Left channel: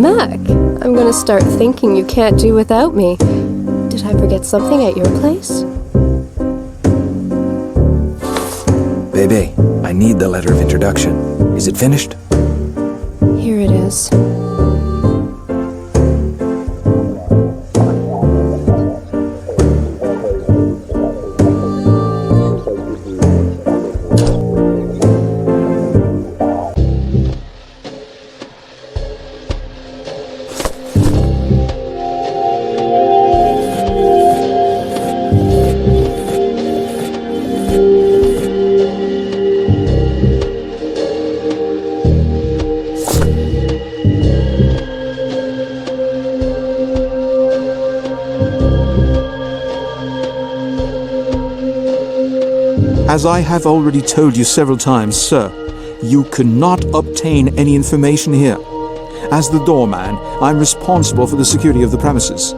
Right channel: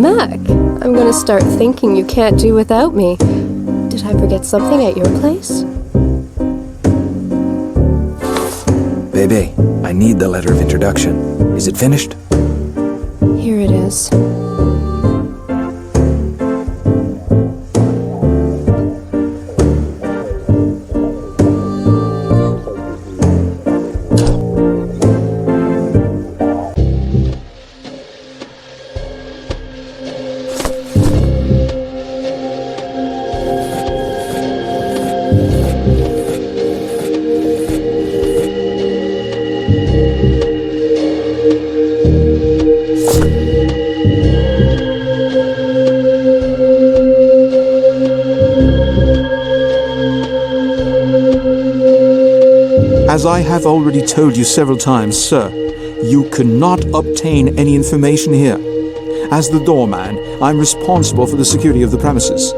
Mac, I'm gonna start thinking you can't do without me. Did I forget something at your place? Bebe, I need the letter of introduction. Is it finished? Here it is. As I have already told you several times, sir, you cannot obtain any information here. As the doorman, I'm responsible for the security of the premises.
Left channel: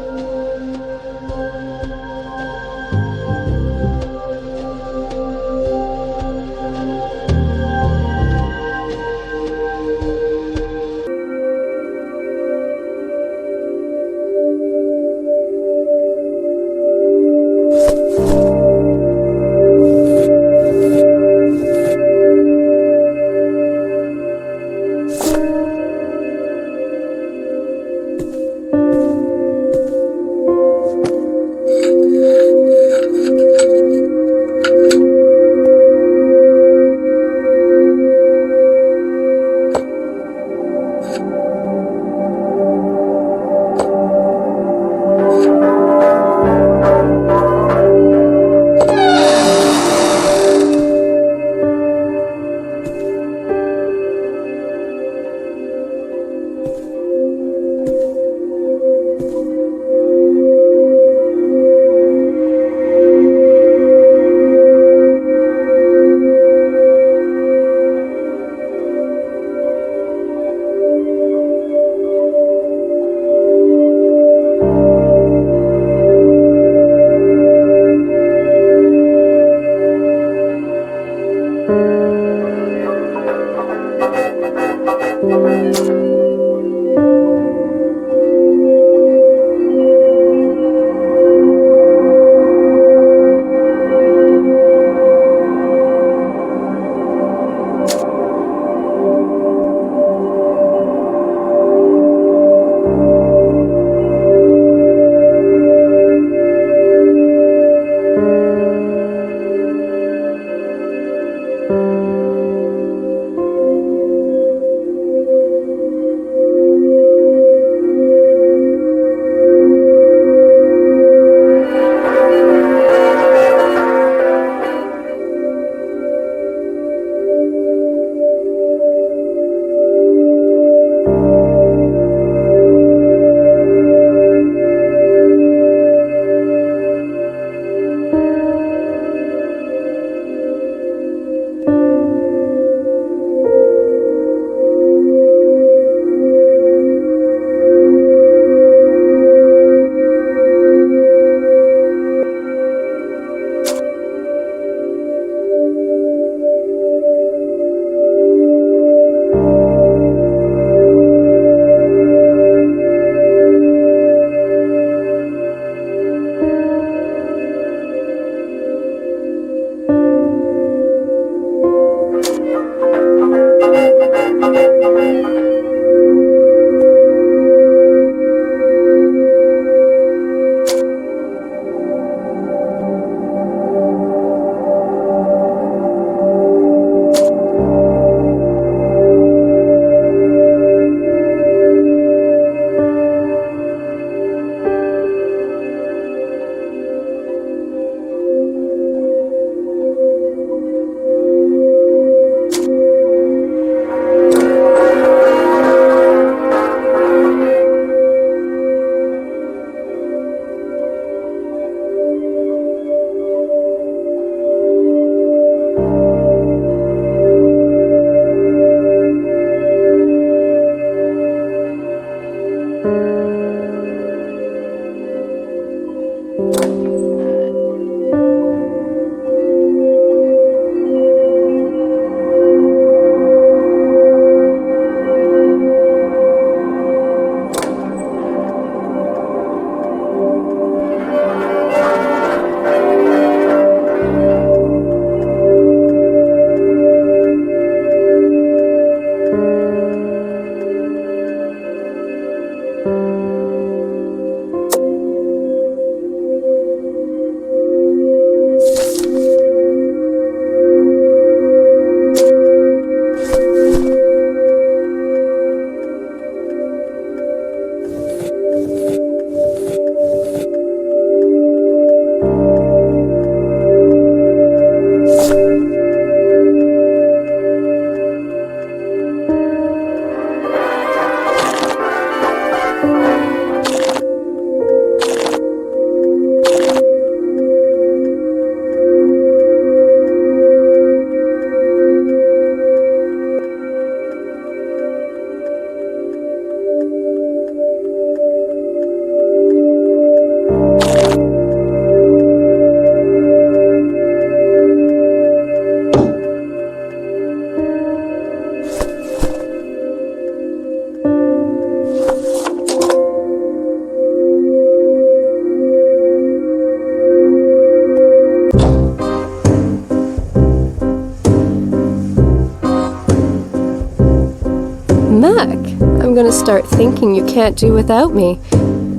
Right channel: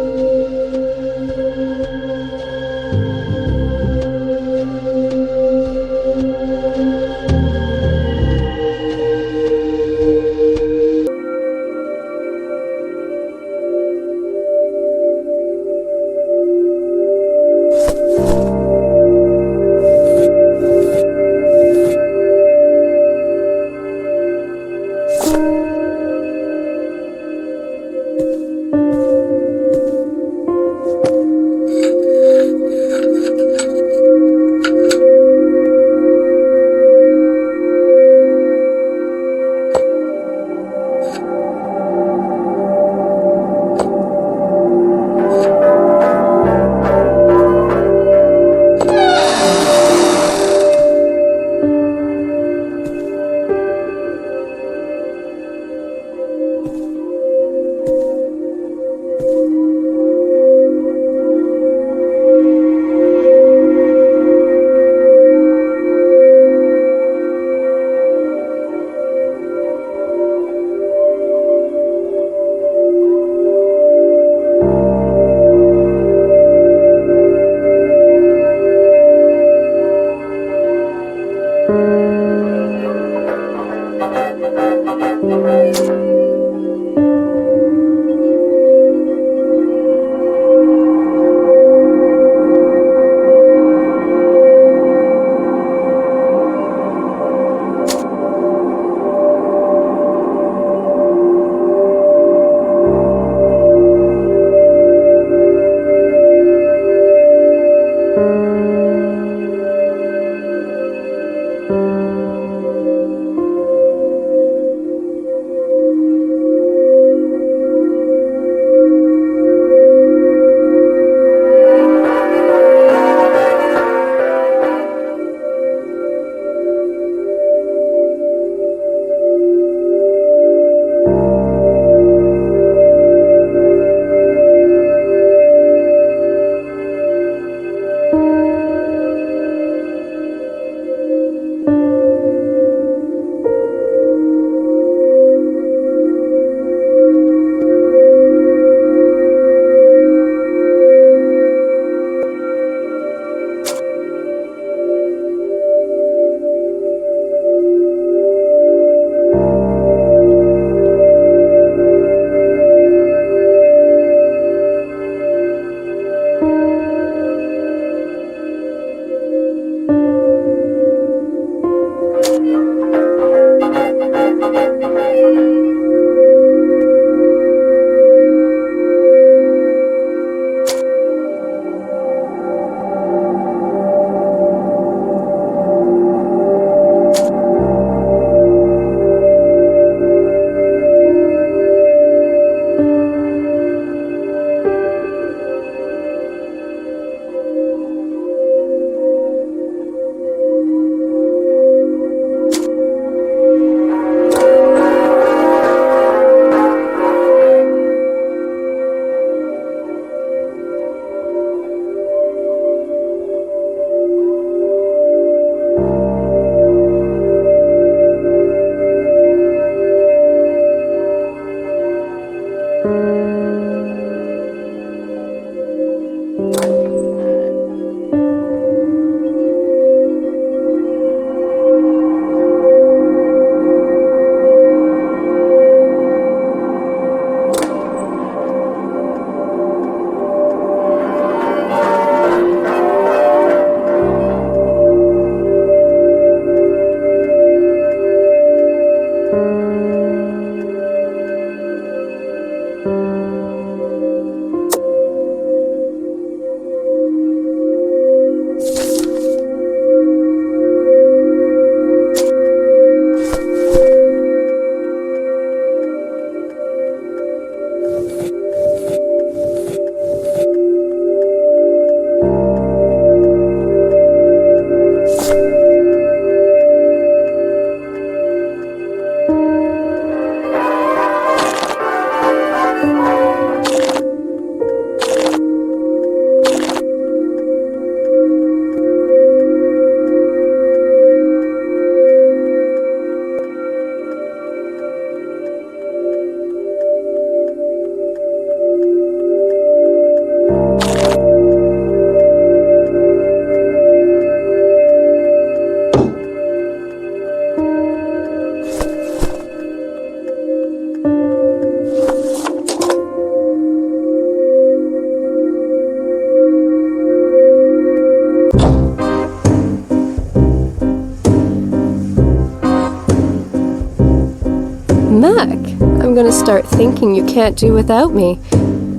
I'm gonna start thinking you can't do without me.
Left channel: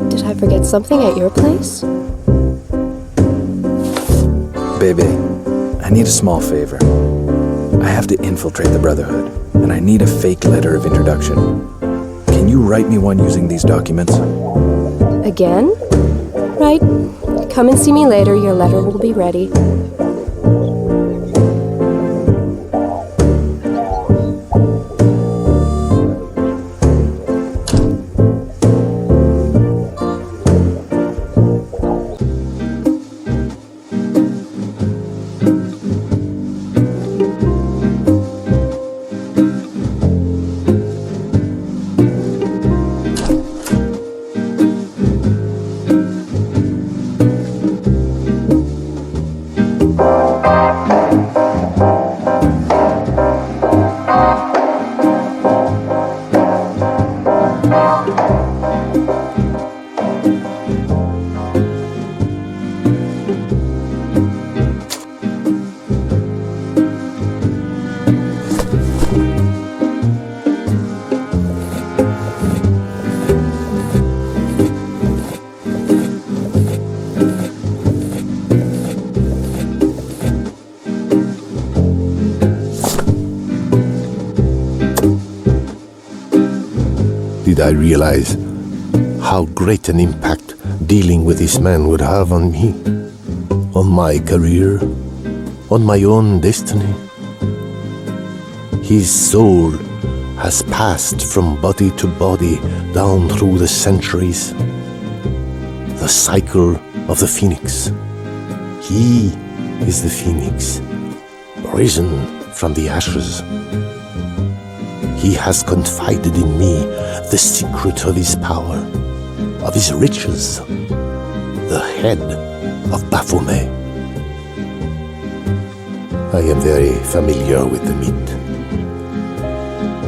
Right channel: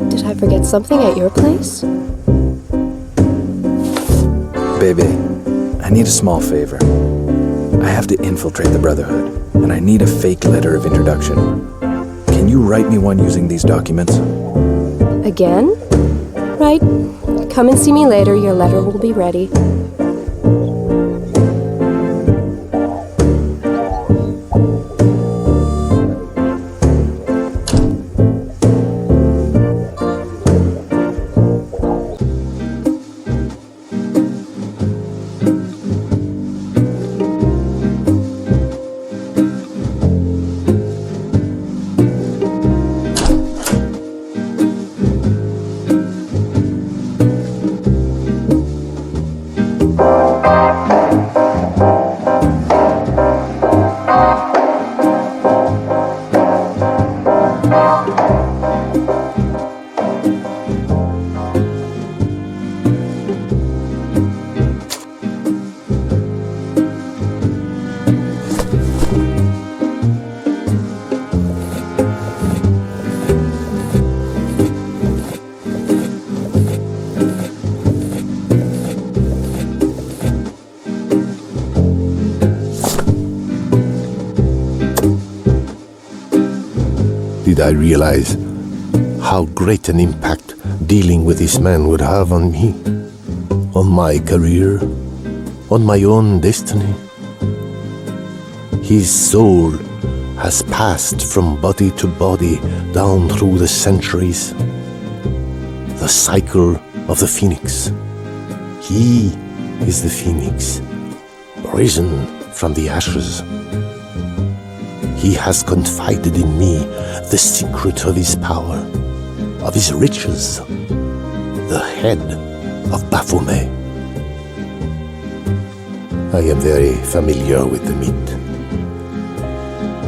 Did I forget something at your place? Baby, I need a small favor. I have to infiltrate the Brotherhood, and I need a fake letter of introduction. Can you write me one using these documents? Again? Right. Come and see me later. Your letter will be ready. Did I realize how great an impact dealing with this man would have on me, on my career, on my own destiny? His soul has passed from body to body down through the centuries. The cycle of the phoenix. He is the phoenix, risen from the ashes. He has confided in me the secret of his power, of his riches, the head of Baphomet. I am very familiar with the myth.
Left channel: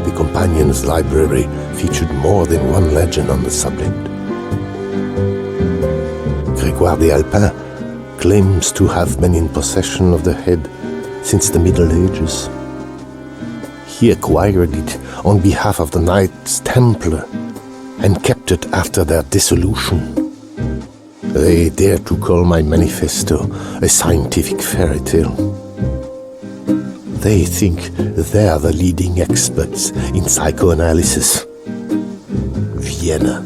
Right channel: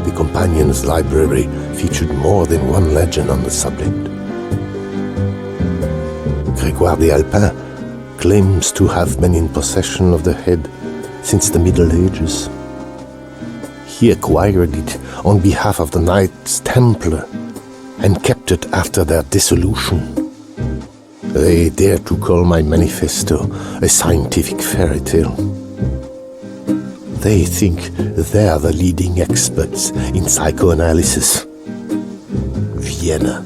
The Companion's library featured more than one legend on the subject. Gregoire de Allepin claims to have been in possession of the head since the Middle Ages. He acquired it on behalf of the Knights Templar and kept it after their dissolution. They dare to call my manifesto a scientific fairy tale. They think they're the leading experts in psychoanalysis. Vienna.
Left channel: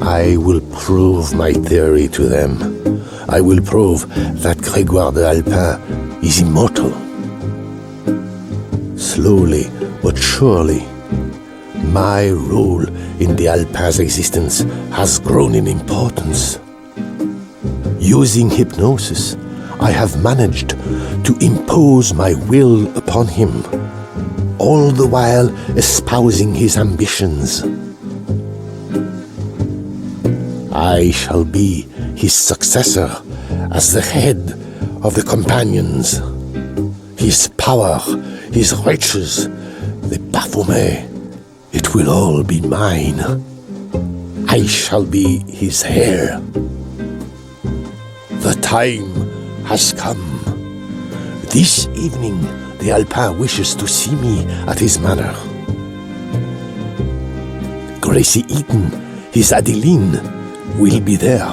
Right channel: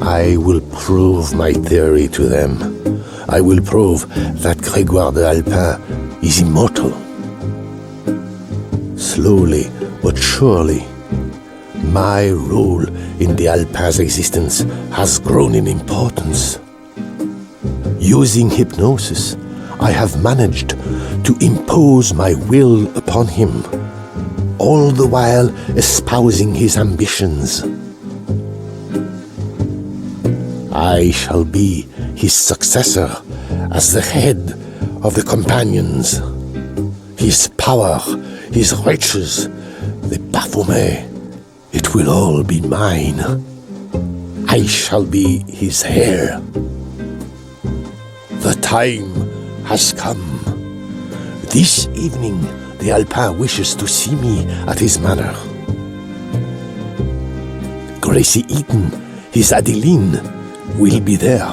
I will prove my theory to them. I will prove that Gregoire de Allepin is immortal. Slowly but surely, my role in the Allepin's existence has grown in importance. Using hypnosis, I have managed to impose my will upon him, all the while espousing his ambitions. I shall be his successor as the head of the Companions. His power, his riches, the Baphomet, it will all be mine. I shall be his heir. The time has come. This evening, the Allepin wishes to see me at his manor. Gracie Eaton, his Adeline, will be there.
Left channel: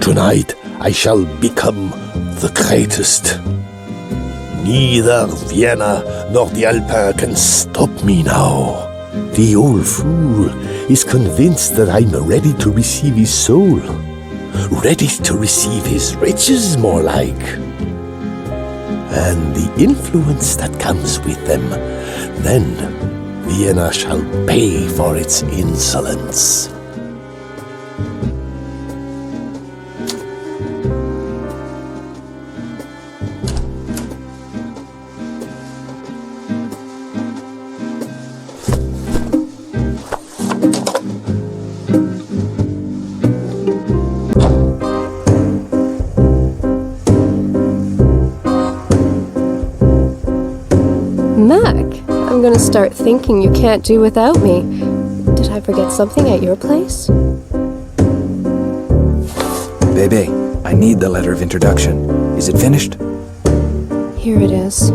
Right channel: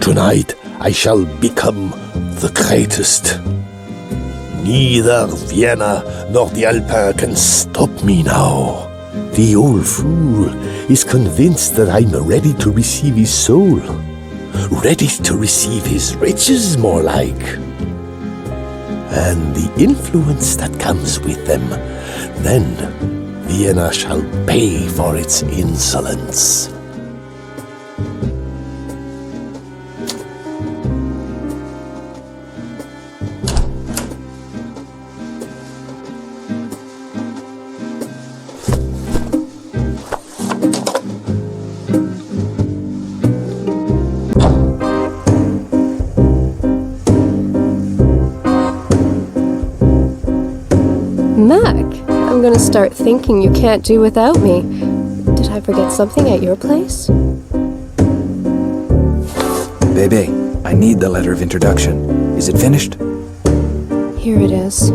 Tonight, I shall become the greatest. Neither Vienna nor the Allepin can stop me now. The old fool is convinced that I'm ready to receive his soul. Ready to receive his riches, more like. And the influence that comes with them. Then Vienna shall pay for its insolence. Mac, I'm gonna start thinking you can't do without me. Did I forget something at your place? Bebe, I need the letter of introduction. Is it finished? Here it is.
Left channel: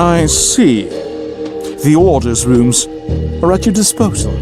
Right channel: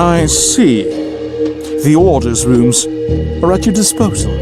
I see. The orders rooms are at your disposal.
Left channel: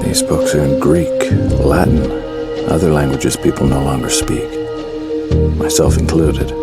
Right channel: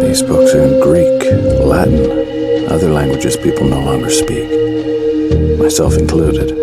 These books are in Greek, Latin, other languages people no longer speak, myself included.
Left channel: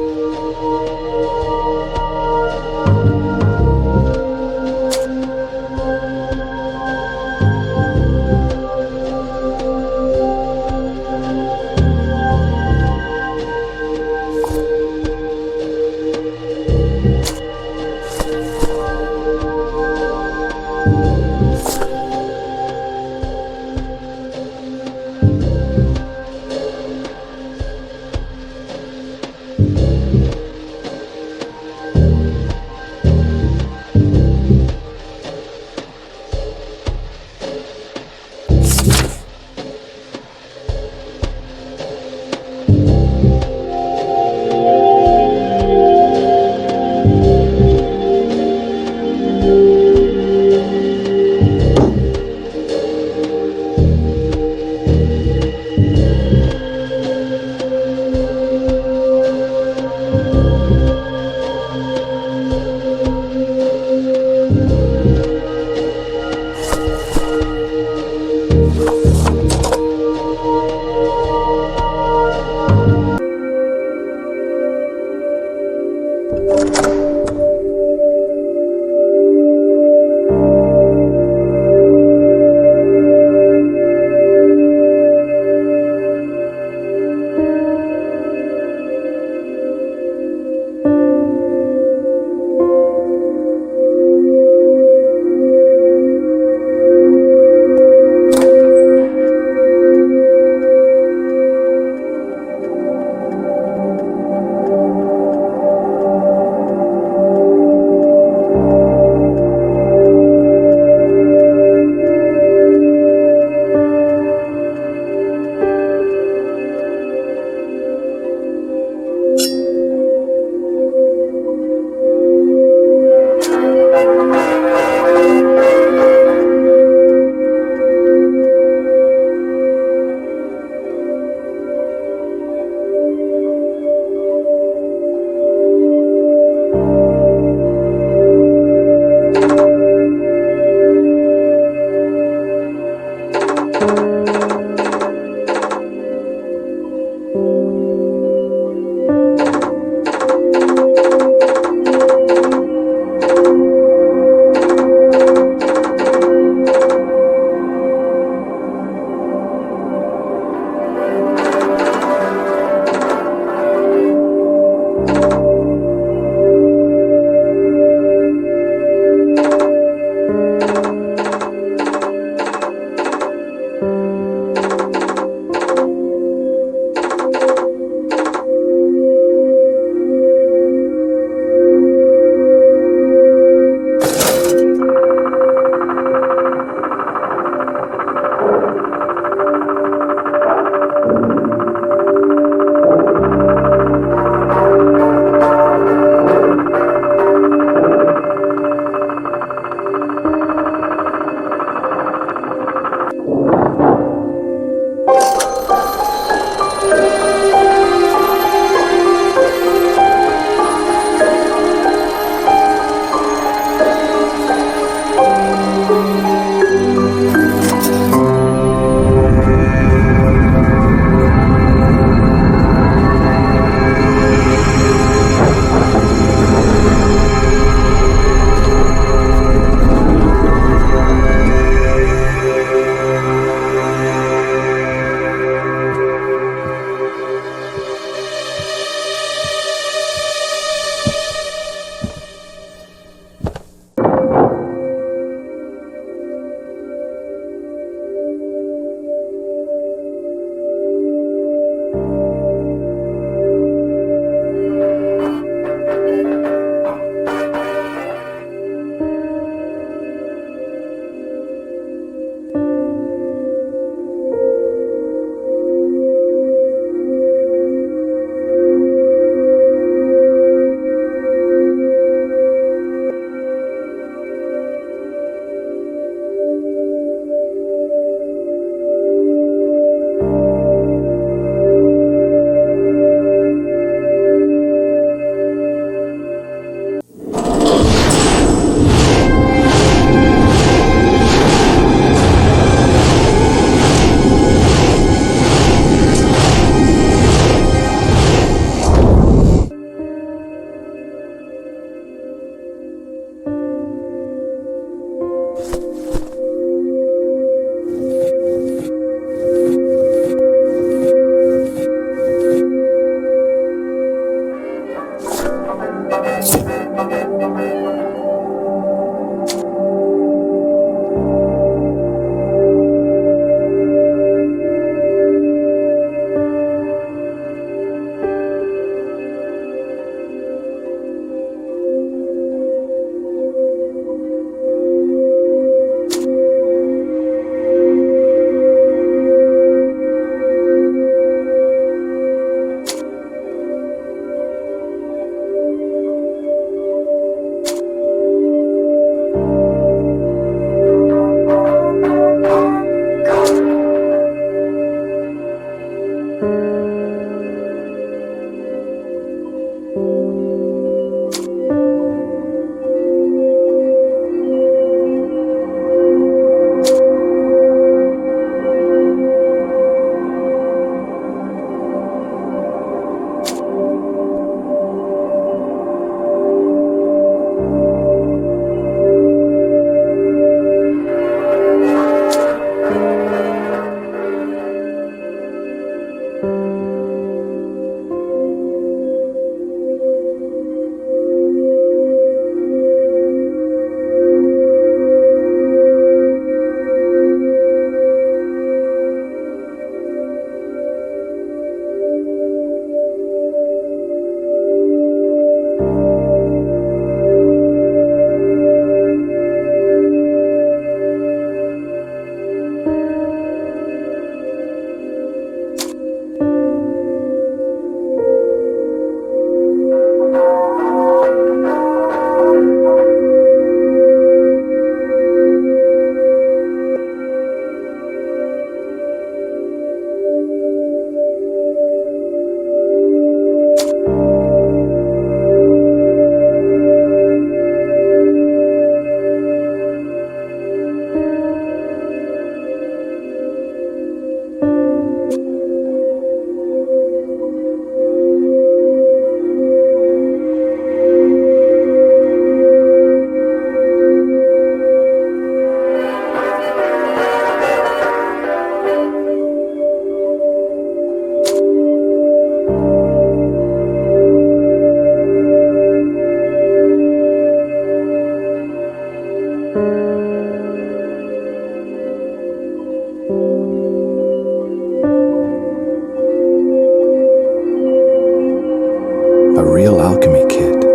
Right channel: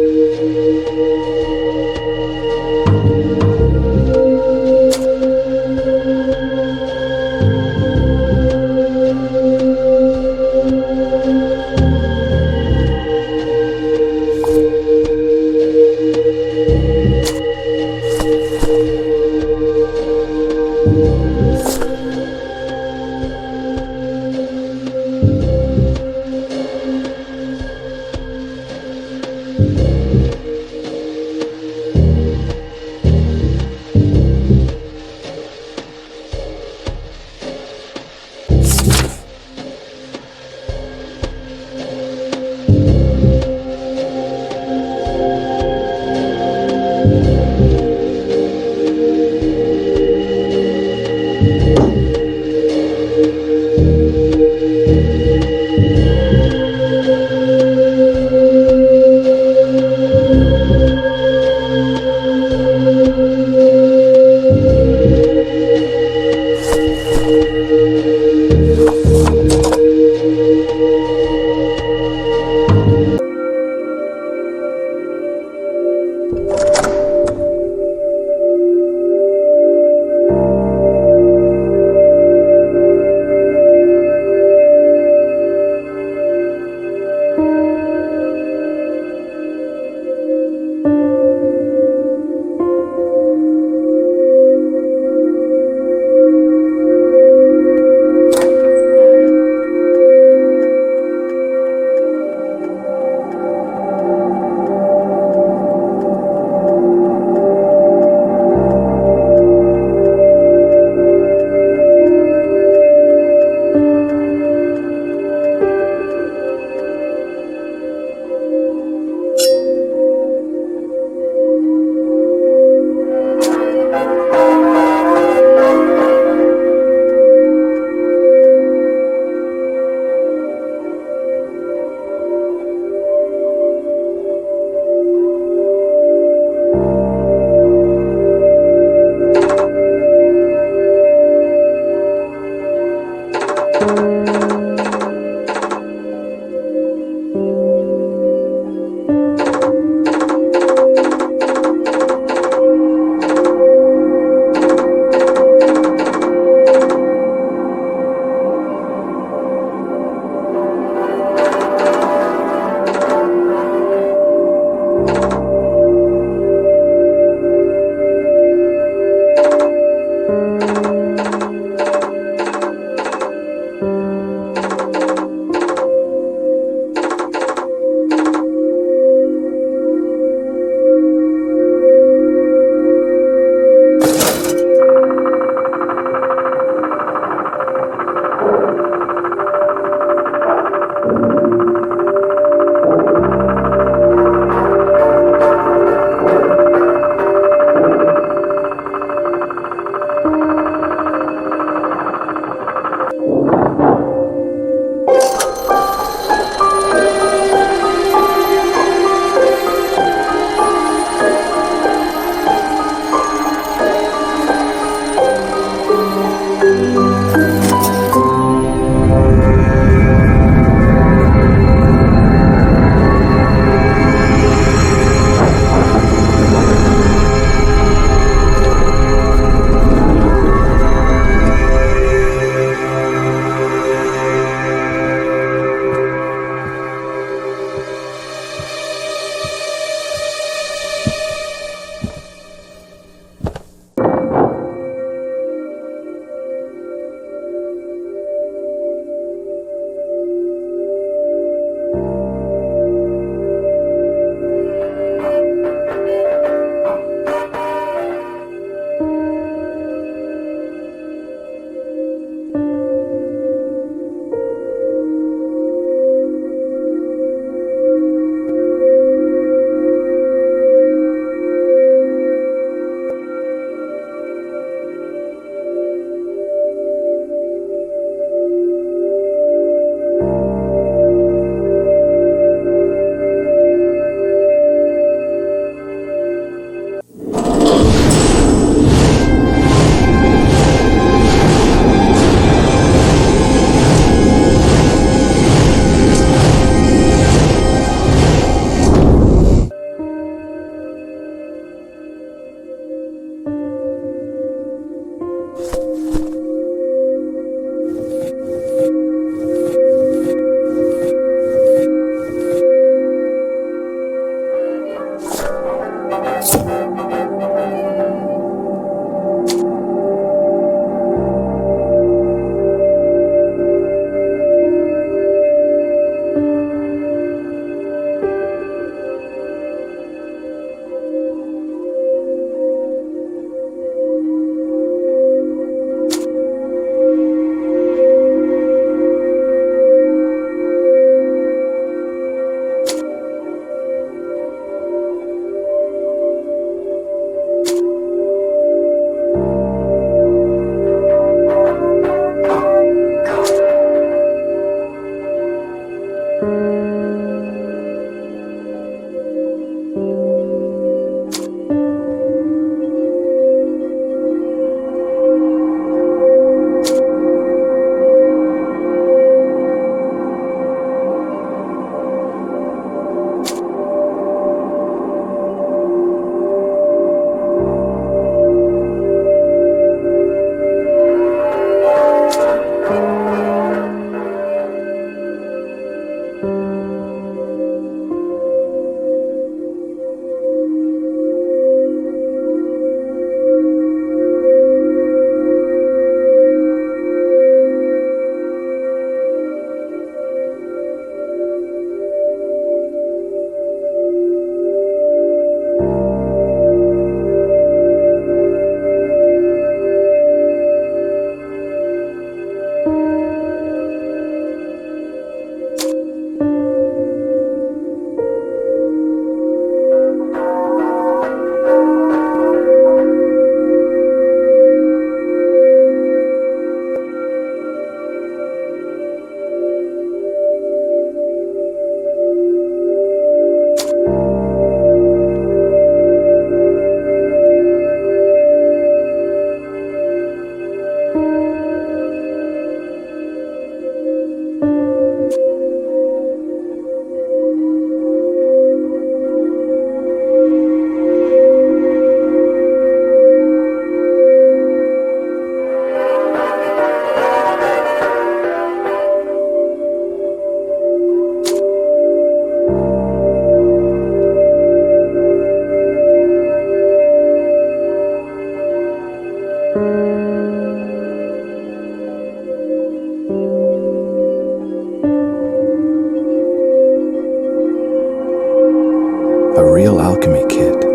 A real alchemy kit.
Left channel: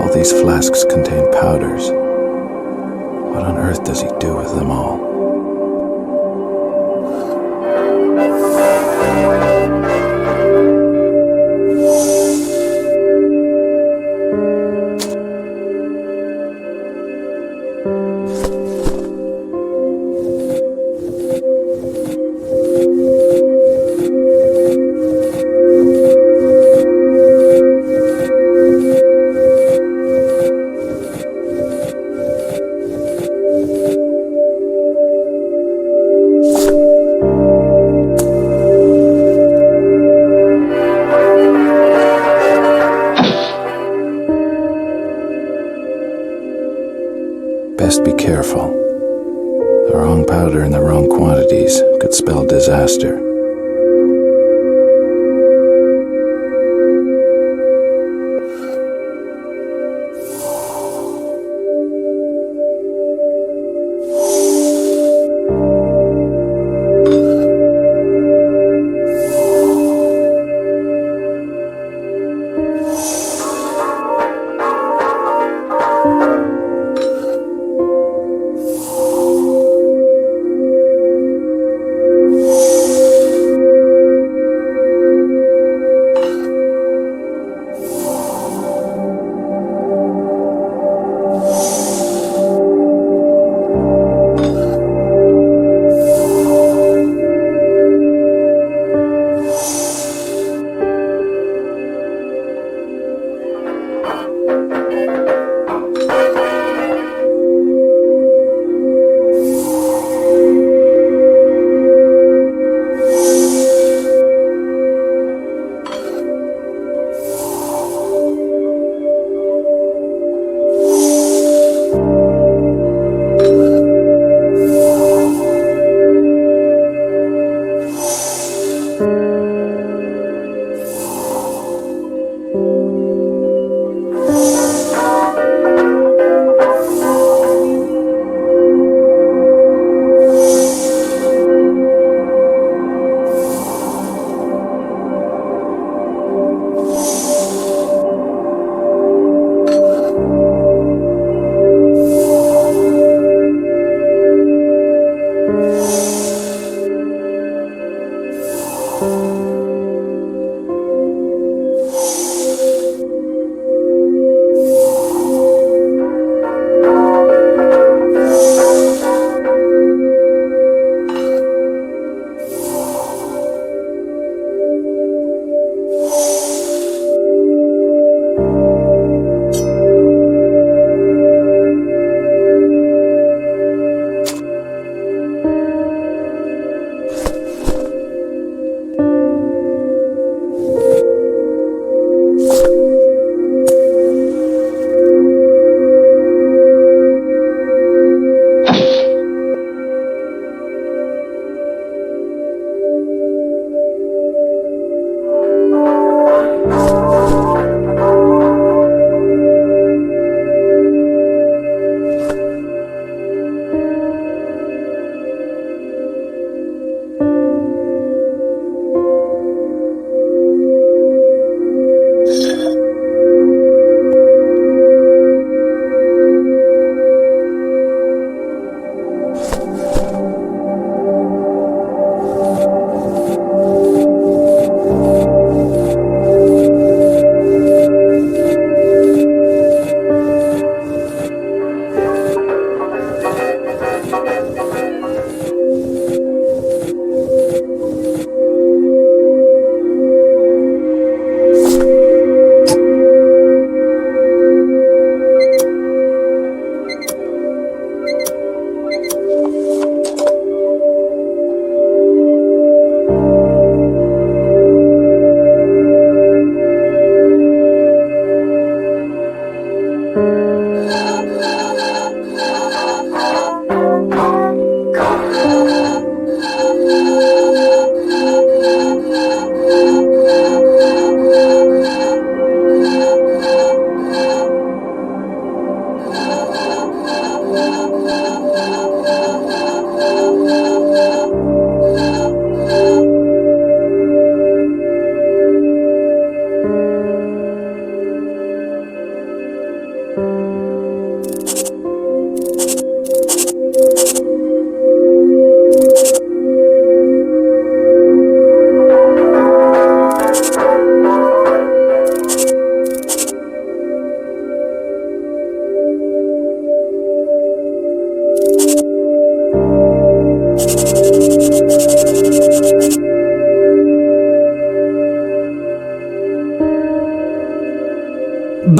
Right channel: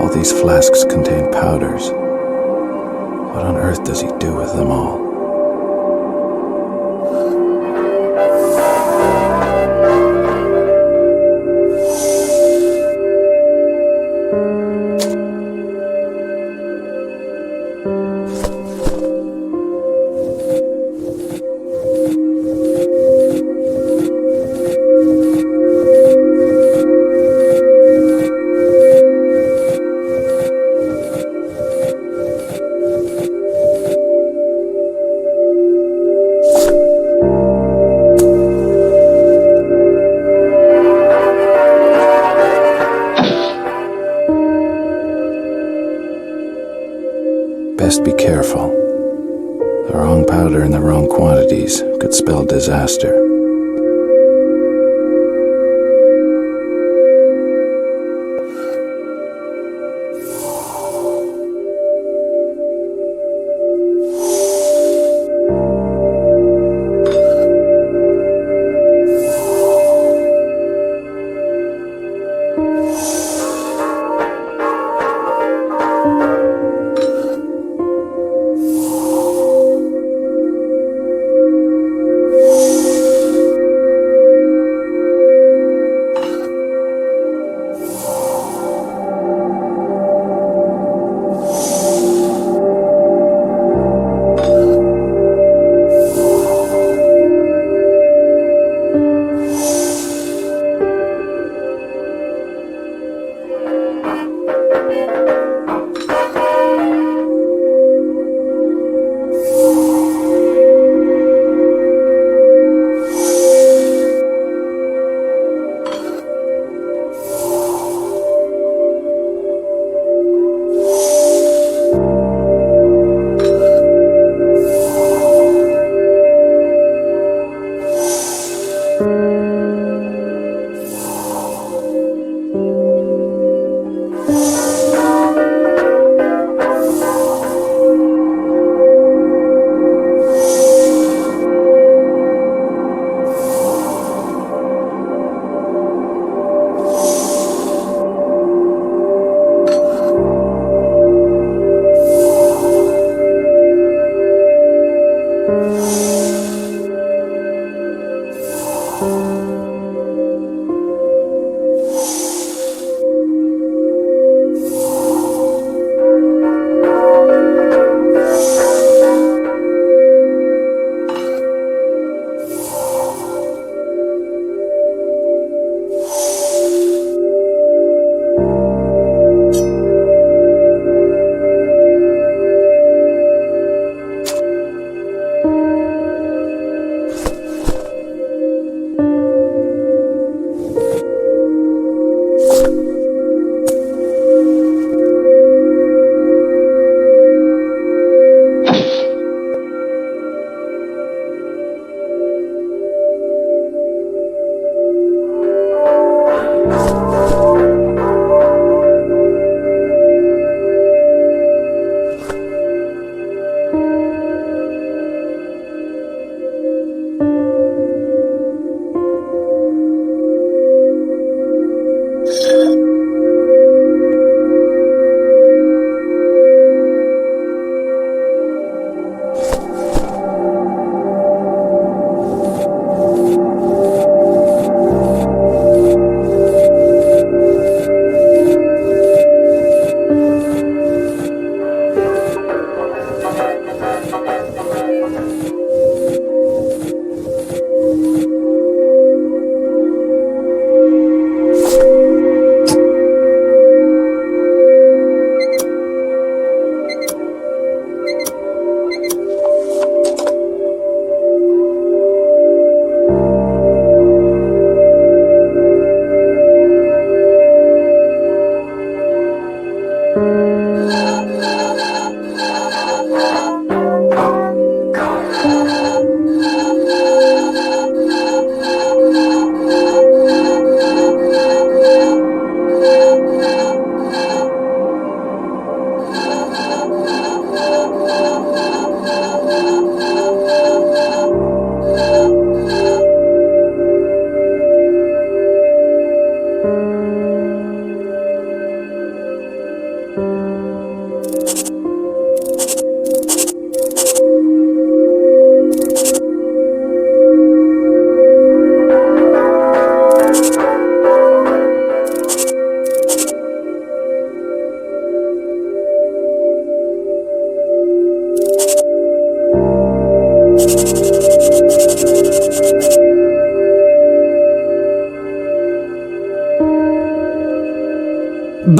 All these flasks contain powders. What on earth does he do with them all? Best be careful. The wrong powder in the wrong quantities could spell disaster.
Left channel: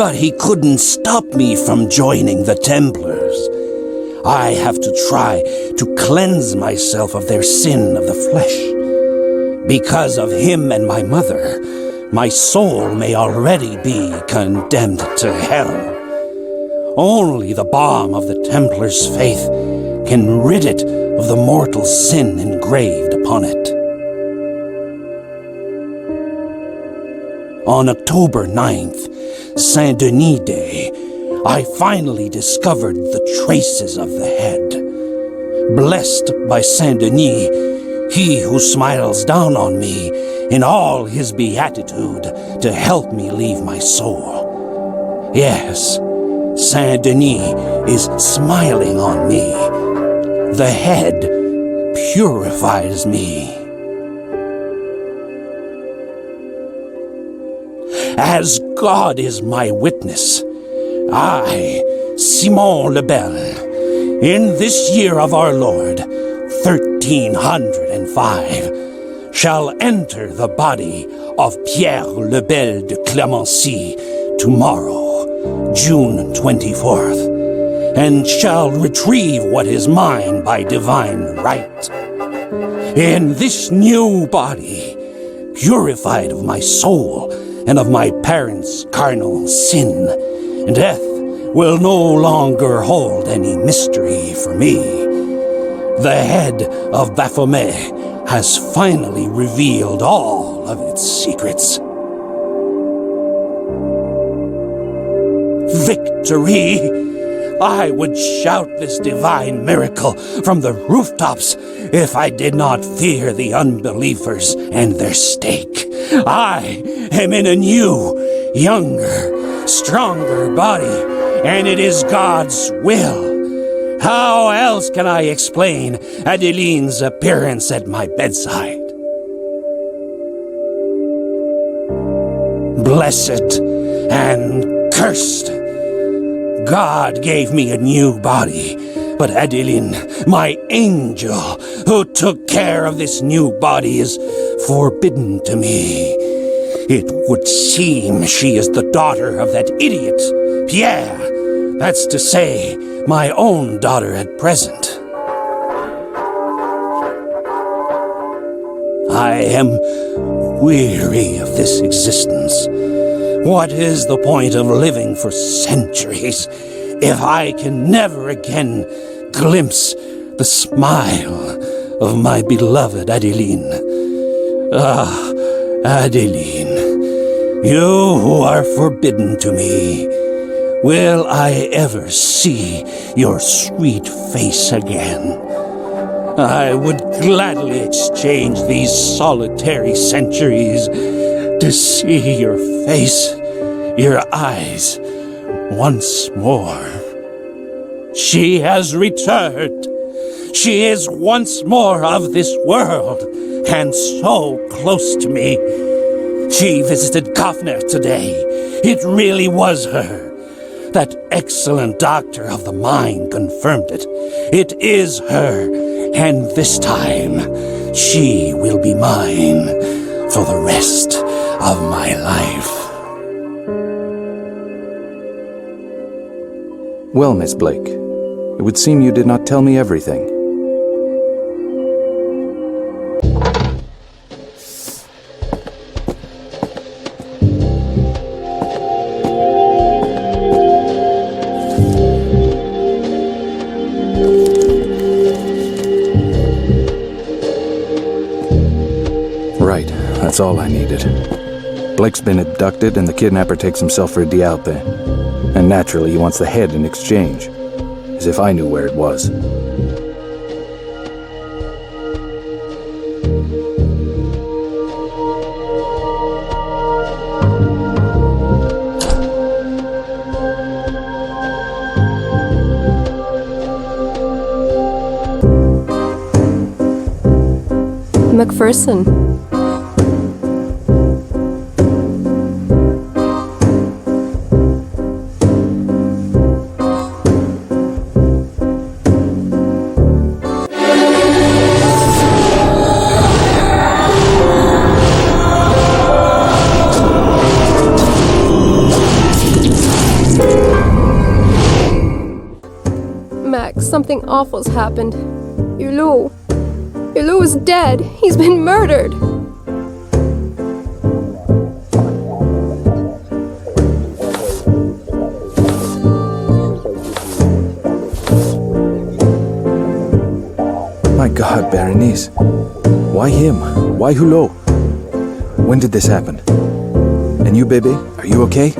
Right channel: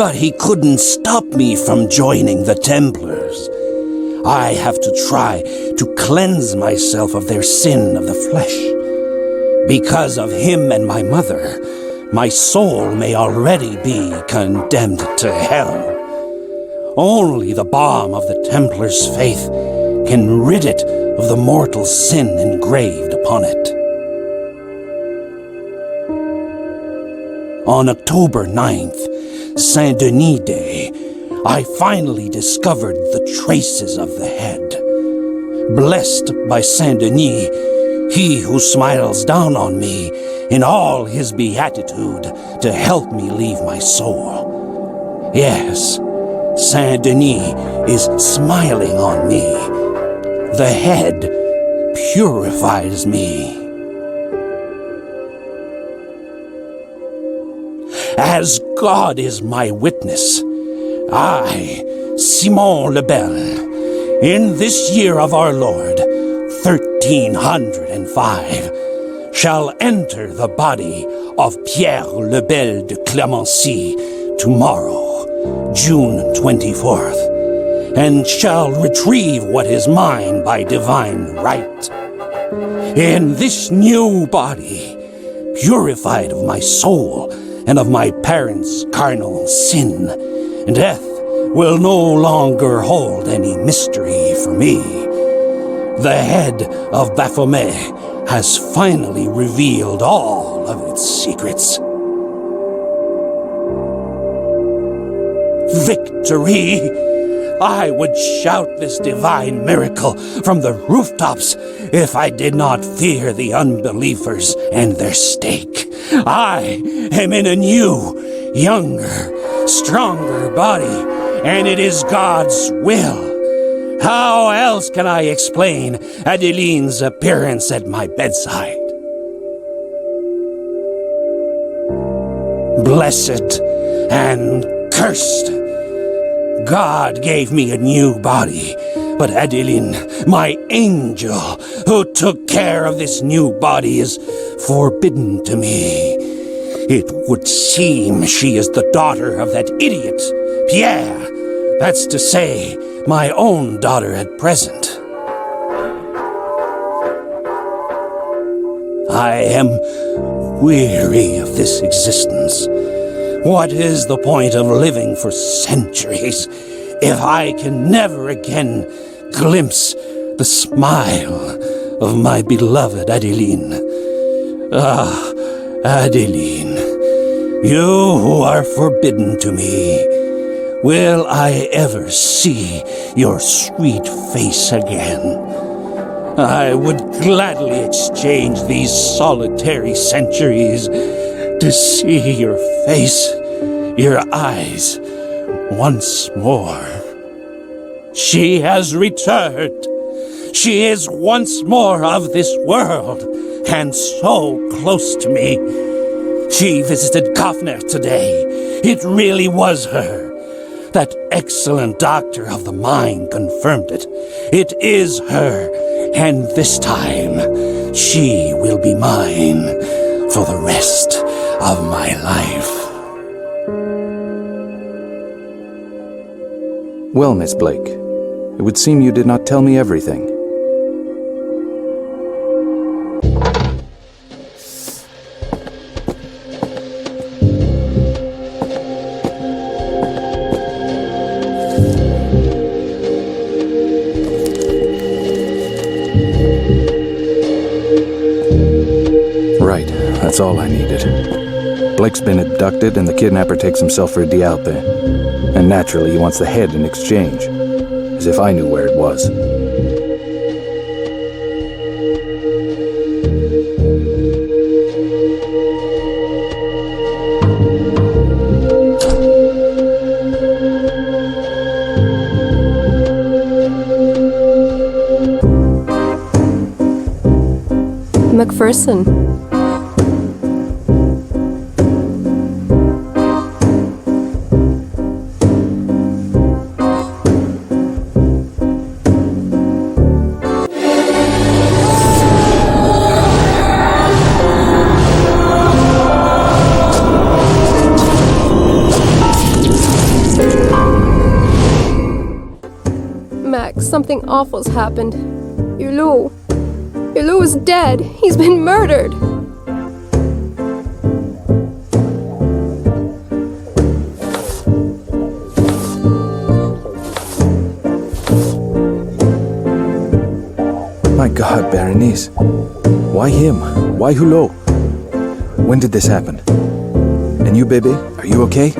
But he couldn't stop me from joining the Templars. I have to try to cleanse myself of their sin of the flesh. Because of him and my mother, my soul may already be condemned to hell. Only the balm of the Templar's faith can rid it of the mortal sin engraved upon it. On October 9th, Saint Denis Day, I finally discovered the traces of the head. Blessed by Saint Denis, he who smiles down on me in all his beatitude to help me leave my soul. Yes, Saint Denis is smiling on me. The head purifies me. As God is my witness, I, Simon le Bel, in this year of our Lord, 1305, shall enter the body of Pierre le Bel de Clemency tomorrow, June 24th, and shall retrieve what is mine by divine right. In this new body, purified of my soul and of my parents' carnal sin, death will no longer hold any mystery for me. The head of Baphomet has finally revealed all of its secrets. Victory! I would shout this divine miracle from the rooftops if I did not fear the unbelievers and their stake. I am in a new, younger, stronger body, and it is God's will. How else can I explain Adeline's appearance at my bedside? Blessed and cursed. God gave me a new body, but Adeline, my angel, who took care of this new body, is forbidden to me. It would seem she is the daughter of that idiot, Pierre. That's to say, my own daughter at present. I am weary of this existence. What is the point of living for centuries if I can never again glimpse the smile of my beloved Adeline? Ah, Adeline, you who are forbidden to me, will I ever see your sweet face again? I would gladly exchange these solitary centuries to see your face, your eyes, once more. She has returned. She is once more of this world, and so close to me. She visited Kaufner today. It really was her. That excellent doctor of the mind confirmed it. It is her, and this time she will be mine for the rest of my life. Well, Miss Blake, it would seem you did not tell me everything. Right, that's all I needed. Blake's been abducted and the kidnapper takes himself for de Allepin. And naturally he wants the head in exchange. As if I knew where it was. McPherson. Something awful's happened. Hulot. Hulot is dead. He's been murdered. My God, Berenice. Why him? Why Hulot? When did this happen? And you, baby, are you okay?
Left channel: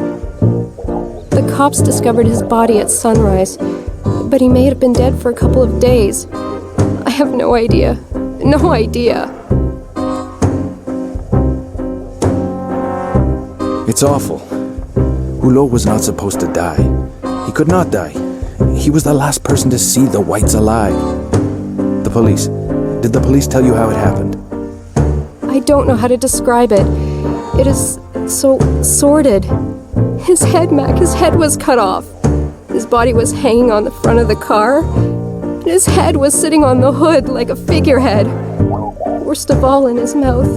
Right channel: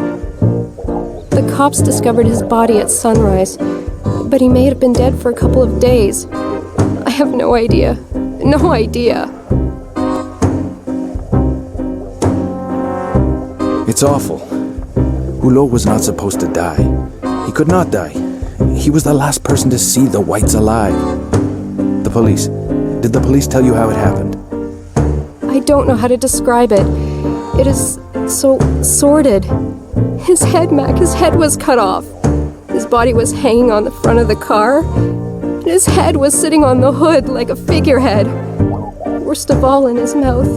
The cops discovered his body at sunrise, but he may have been dead for a couple of days. I have no idea. No idea. It's awful. Hulot was not supposed to die. He could not die. He was the last person to see the whites alive. The police. Did the police tell you how it happened? I don't know how to describe it. It is so sordid. His head, Mac, his head was cut off. His body was hanging on the front of the car. And his head was sitting on the hood like a figurehead. Worst of all, in his mouth.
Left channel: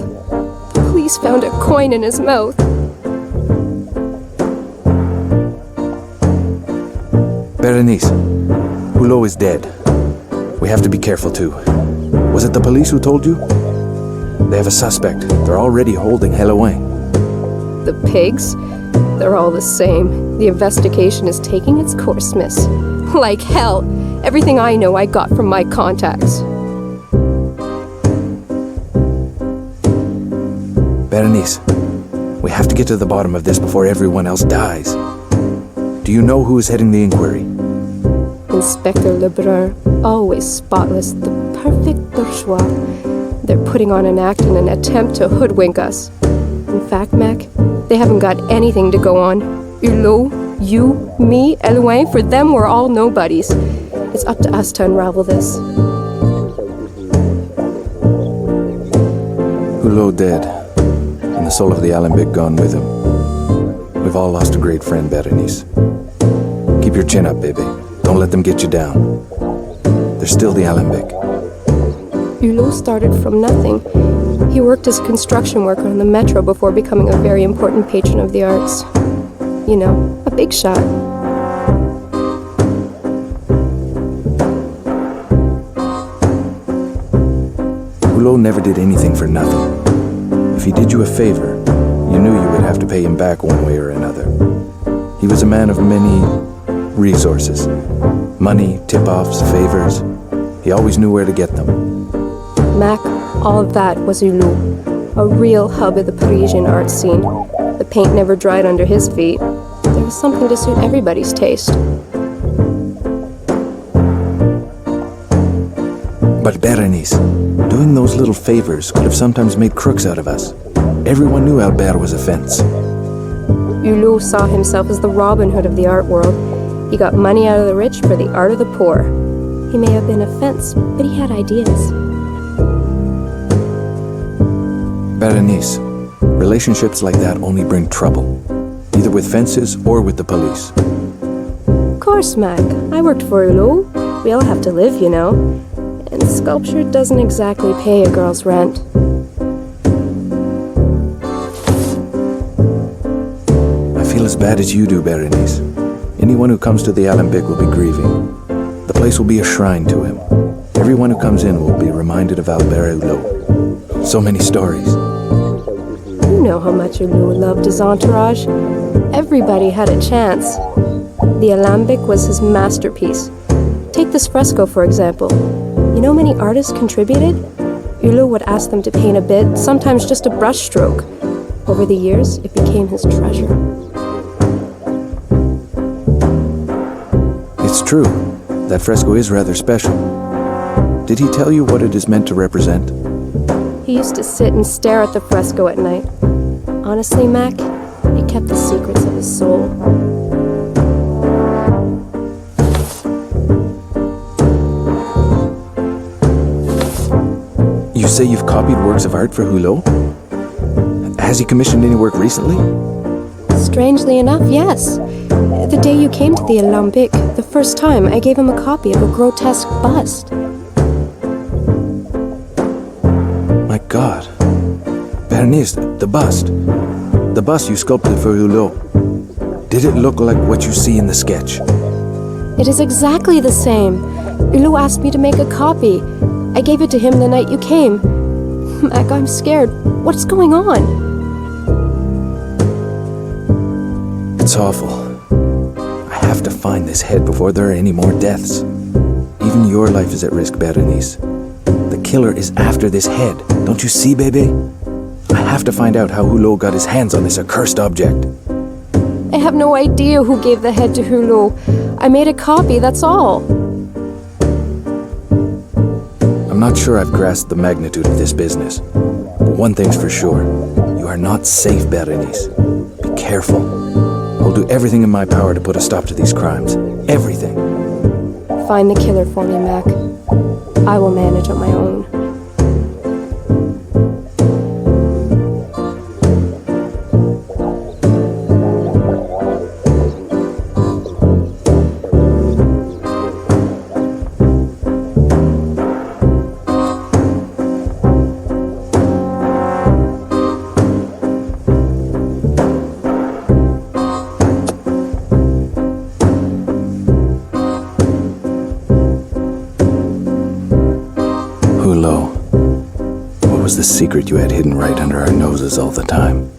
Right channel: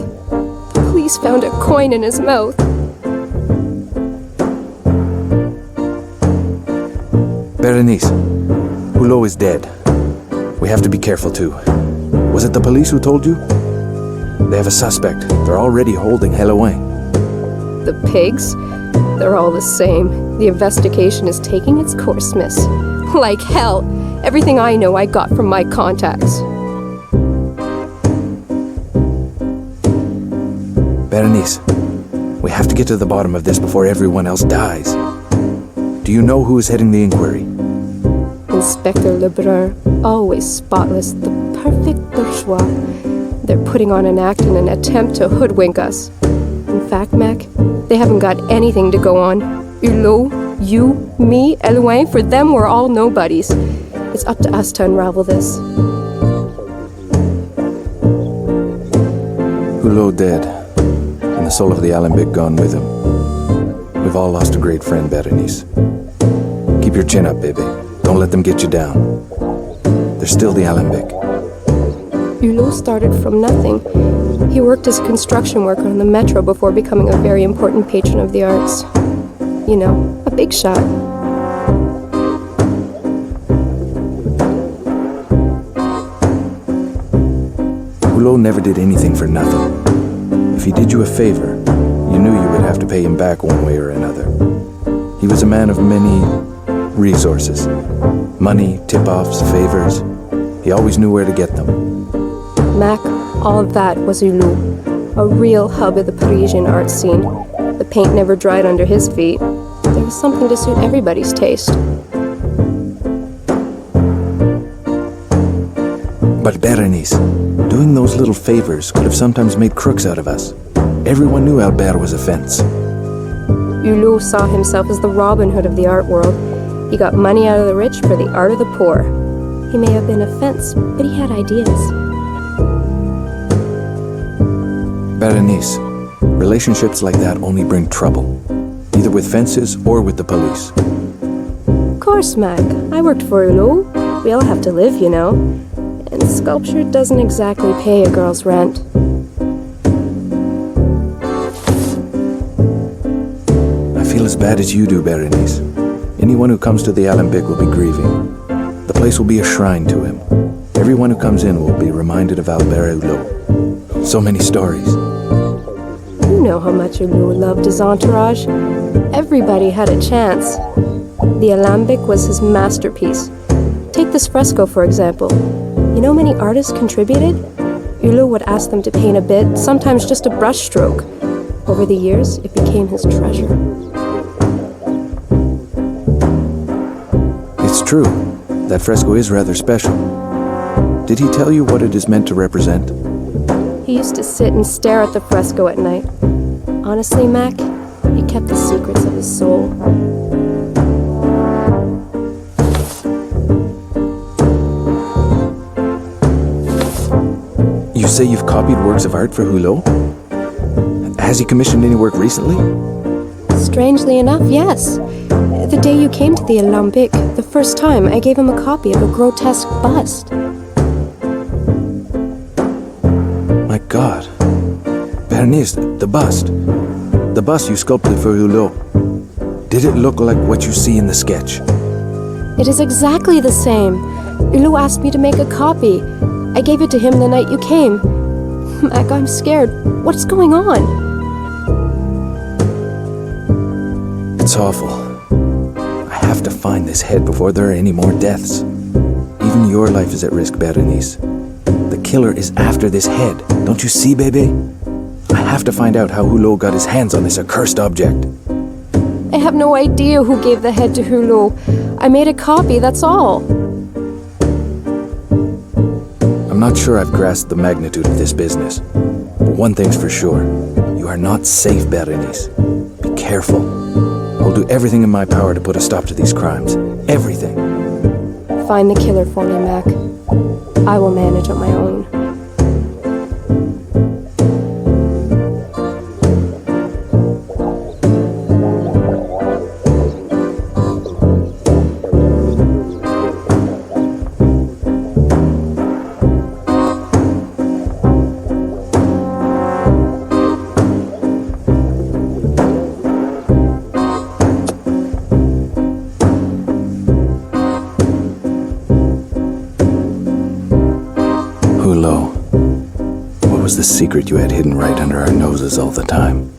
The police found a coin in his mouth. Berenice, Hulot is dead. We have to be careful too. Was it the police who told you? They have a suspect. They're already holding Hellouin. The pigs? They're all the same. The investigation is taking its course, miss. Like hell. Everything I know I got from my contacts. Berenice, we have to get to the bottom of this before everyone else dies. Do you know who is heading the inquiry? Inspector Lebrun, always spotless, the perfect bourgeois. They're putting on an act in an attempt to hoodwink us. In fact, Mac, they haven't got anything to go on. Hulot, you, me, Hellouin, for them we're all nobodies. It's up to us to unravel this. Hulot dead, and the soul of the Alembic gone with him. We've all lost a great friend, Berenice. Keep your chin up, baby. Don't let them get you down. They're still the Alembic. Hulot started from nothing. He worked as a construction worker on the metro before becoming a very important patron of the arts. You know, a big shot. Hulot never did anything for nothing. If he did you a favor, you knew you would have to pay him back one way or another. He was a man of many resources. Money, tip-offs, favors. He always knew where to get them. Mac, all of that was Hulot, a real hub of the Parisian art scene. The paint never dried under his feet. There was something to suit everybody's taste. But Berenice, doing those little favors could have sometimes made crooks out of us. Everyone knew Albert was a fence. Hulot saw himself as the Robin Hood of the art world. He got money out of the rich for the art of the poor. He may have been a fence, but he had ideas. Berenice, relationships like that only bring trouble, either with fences or with the police. Of course, Mac. I worked for Hulot. We all have to live, you know. And sculpture doesn't exactly pay a girl's rent. I feel as bad as you do, Berenice. Anyone who comes to the Alembic will be grieving. The place will be a shrine to him. Everyone who comes in will be reminded of Albert Hulot. So many stories. You know how much Hulot loved his entourage. Everybody had a chance. The Alembic was his masterpiece. Take this fresco, for example. You know how many artists contributed? Hulot would ask them to paint a bit, sometimes just a brushstroke. Over the years, it became his treasure. It's true. That fresco is rather special. Did he tell you what it is meant to represent? He used to sit and stare at the fresco at night. Honestly, Mac, he kept the secrets of his soul. You say you've copied works of art for Hulot? Has he commissioned any work recently? Strangely enough, yes. The day you came to the Alembic, the first time, I gave him a copy of a grotesque bust. My God. Berenice, the bust. The bust you sculpted for Hulot. Did it look like what you see in the sketch? It is exactly the same. Hulot asked me to make a copy. I gave it to him the night you came. Mac, I'm scared. What's going on? It's awful. I have to find this head before there are any more deaths. Even your life is at risk, Berenice. The killer is after this head. Don't you see, baby? I have to find out how Hulot got his hands on this accursed object. I have no idea who gave the head to Hulot. I made a copy, that's all. I'm not sure I've grasped the magnitude of this business. But one thing's for sure. You are not safe, Berenice. Be careful. I'll do everything in my power to put a stop to these crimes. Everything. Find the killer for me, Mac. I will manage on my own. What was the secret you had hidden right under our noses all the time?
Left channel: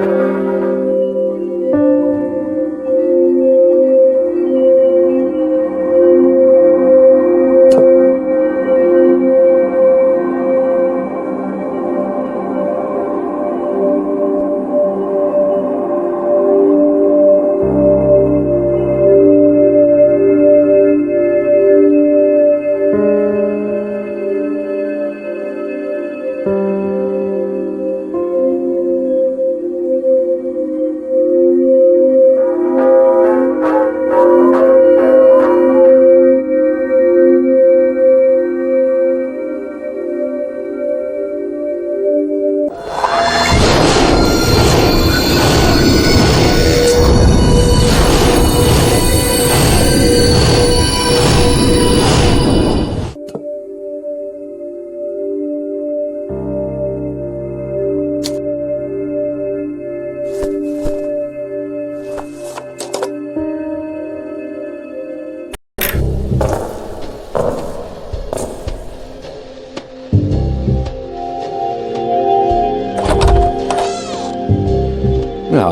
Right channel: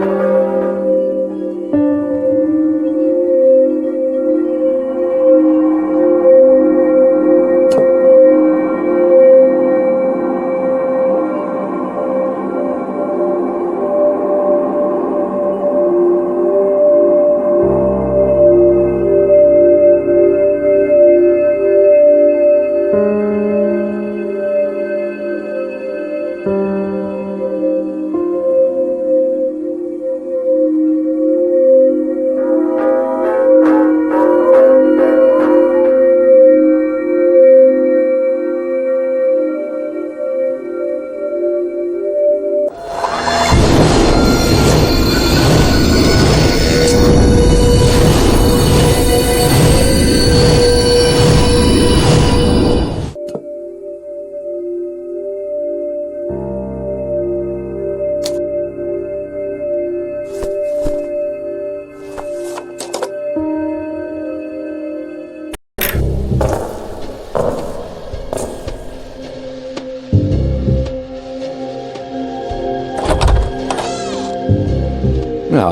Ah,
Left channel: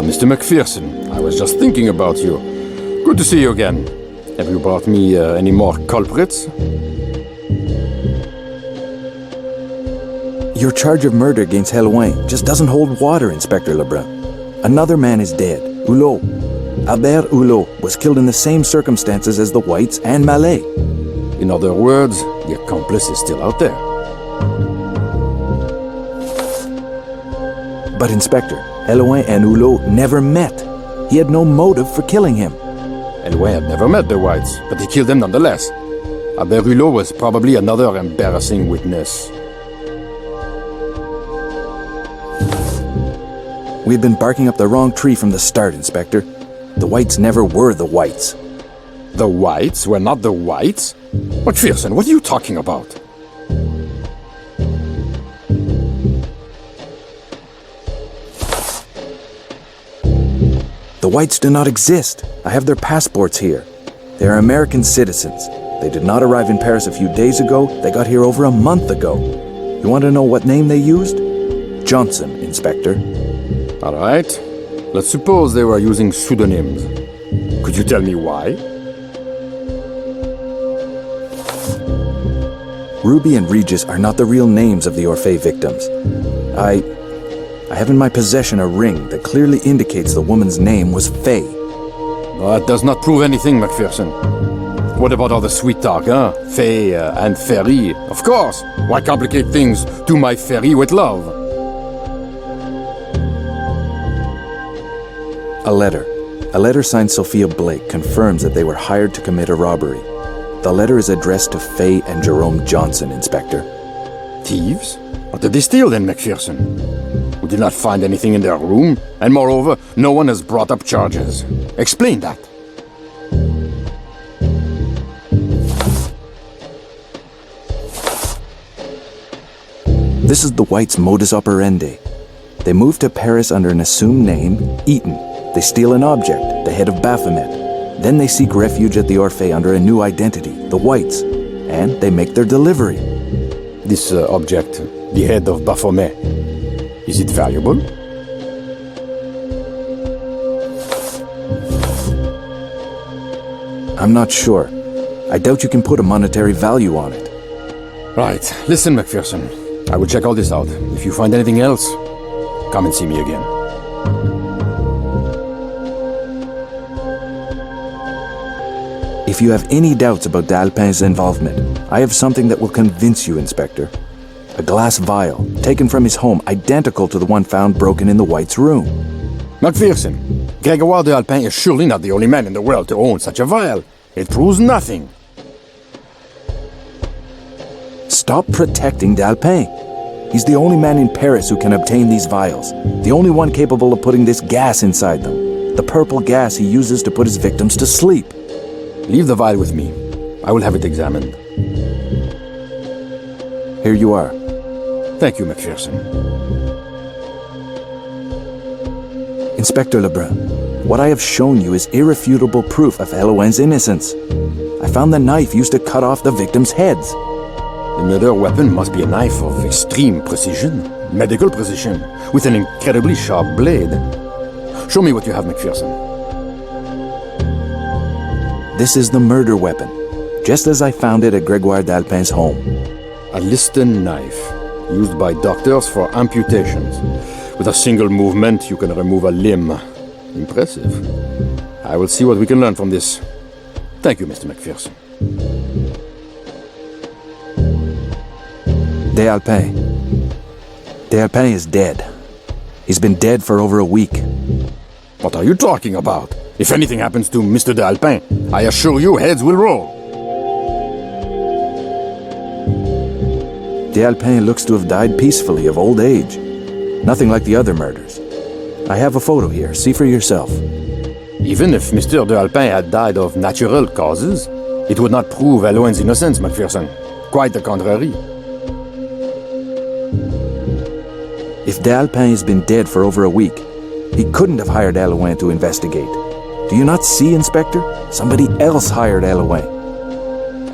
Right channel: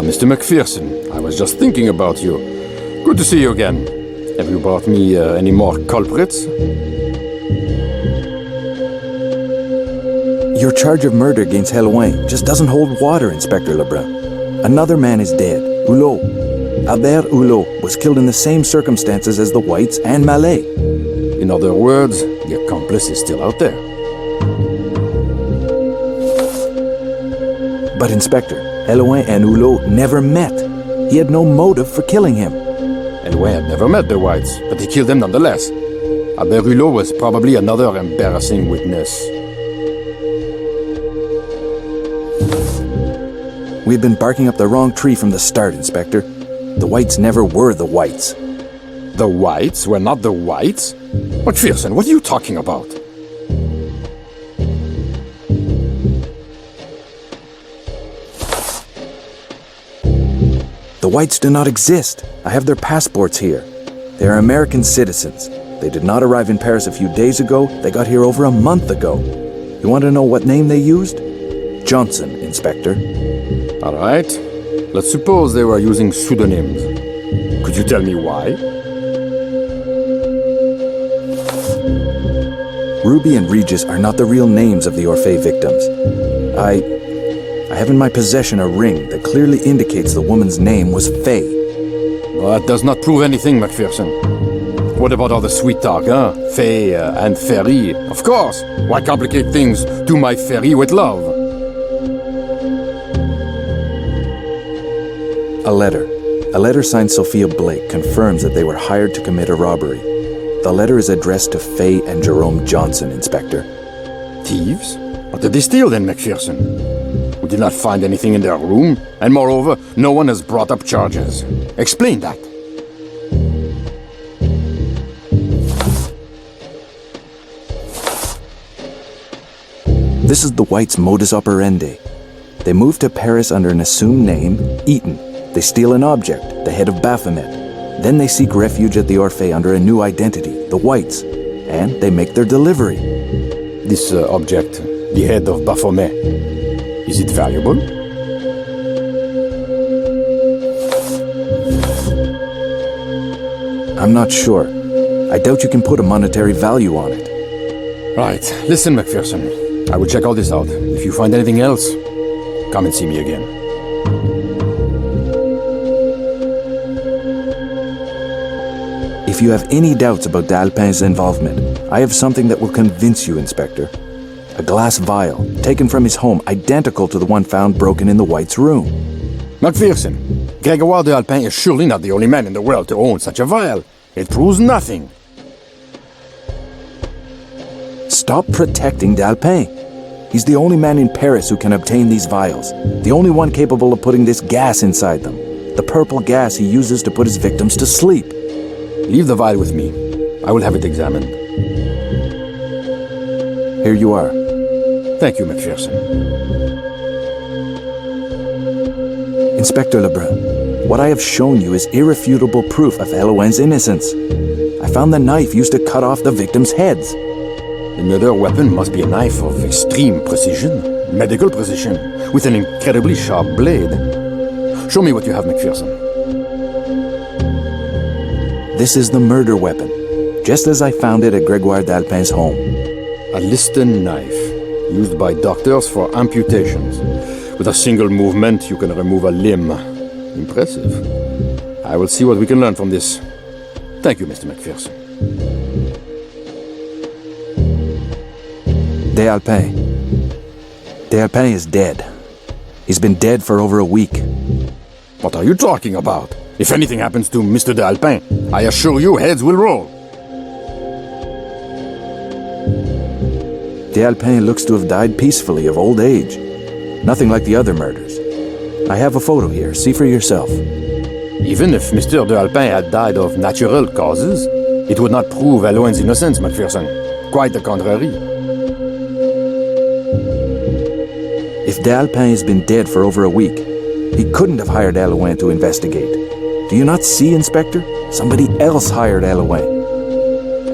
Mr. McPherson, I was just thinking about you. Good to see you again. Have you brought me any more culprits? Your charge of murder against Hellouin just doesn't hold water, Inspector Lebrun. Another man is dead, Hulot. Albert Hulot was killed in the same circumstances as the Whites and Malay. In other words, the accomplice is still out there. But Inspector, Hellouin and Hulot never met. He had no motive for killing him. Hellouin had never met the Whites, but he killed them nonetheless. Albert Hulot was probably another embarrassing witness. We've been barking up the wrong tree from the start, Inspector. The Whites never were the Whites. The Whites were not the Whites? McPherson, what are you talking about? The Whites do not exist. I have their passports here. They are American citizens. They did not arrive in Paris a few days ago. They got here over a month ago. You want to know what name they used? Johnson, Inspector. All right. Let's suppose they were using pseudonyms. Could you tell me why? Ruby and Regis are not the real names of the Orphée victims. I have in my possession a ring that clearly indicates the woman's name was Faye. Well, that does not prove anything, McPherson. What about all the sweet talk, huh? Faye and Ferry. Of course. Why complicate things? Do my Ferry with love. A letter. A letter signed Sophia Blake confirms that they were hired to commit a robbery. The letter is addressed to Faye and Jerome Johnson, Inspector. Thieves? What did they steal then, McPherson? We did not find anything in their room, and moreover, no one has brought up charges. Explain that. This is the Whites' modus operandi. They move to Paris under an assumed name, Eaton. They steal an object, the Head of Baphomet. Then they seek refuge at the Orphée under a new identity, the Whites. And they make their delivery. This object, the Head of Baphomet, is it valuable? I'm not sure. I doubt you can put a monetary value on it. Right. Listen, McPherson. I will check all this out. If you find anything else, come and see me again. If you have any doubts about de Allepin's involvement, I have something that will convince you, Inspector. A glass vial, taken from his home, identical to the one found broken in the White's room. McPherson, Gregoire de Allepin is surely not the only man in the world to own such a vial. It proves nothing. Stop protecting de Allepin. He's the only man in Paris who can obtain these vials. The only one capable of putting this gas inside them. The purple gas he uses to put his victims to sleep. Leave the vial with me. I will have it examined. Here you are. Thank you, McPherson. Inspector Lebrun, what I have shown you is irrefutable proof of Hellouin's innocence. I found the knife used to cut off the victims' heads. The murder weapon must be a knife of extreme precision. medical precision, with an incredibly sharp blade. Show me what you have, McPherson. This is the murder weapon, just as I found it at Gregoire de Allepin's home. A Liston knife, used by doctors for amputations. With a single movement, you can remove a limb. Impressive. I will see what we can learn from this. Thank you, Mr. McPherson. De Allepin. De Allepin is dead. He's been dead for over a week. What are you talking about? If anything happens to Mr. de Allepin, I assure you heads will roll. De Allepin looks to have died peacefully of old age. Nothing like the other murders. I have a photo here. See for yourself. Even if Mr. de Allepin had died of natural causes, it would not prove Hellouin's innocence, McPherson. Quite the contrary. If de Allepin has been dead for over a week, he couldn't have hired Hellouin to investigate. Do you not see, Inspector? Somebody else hired Hellouin.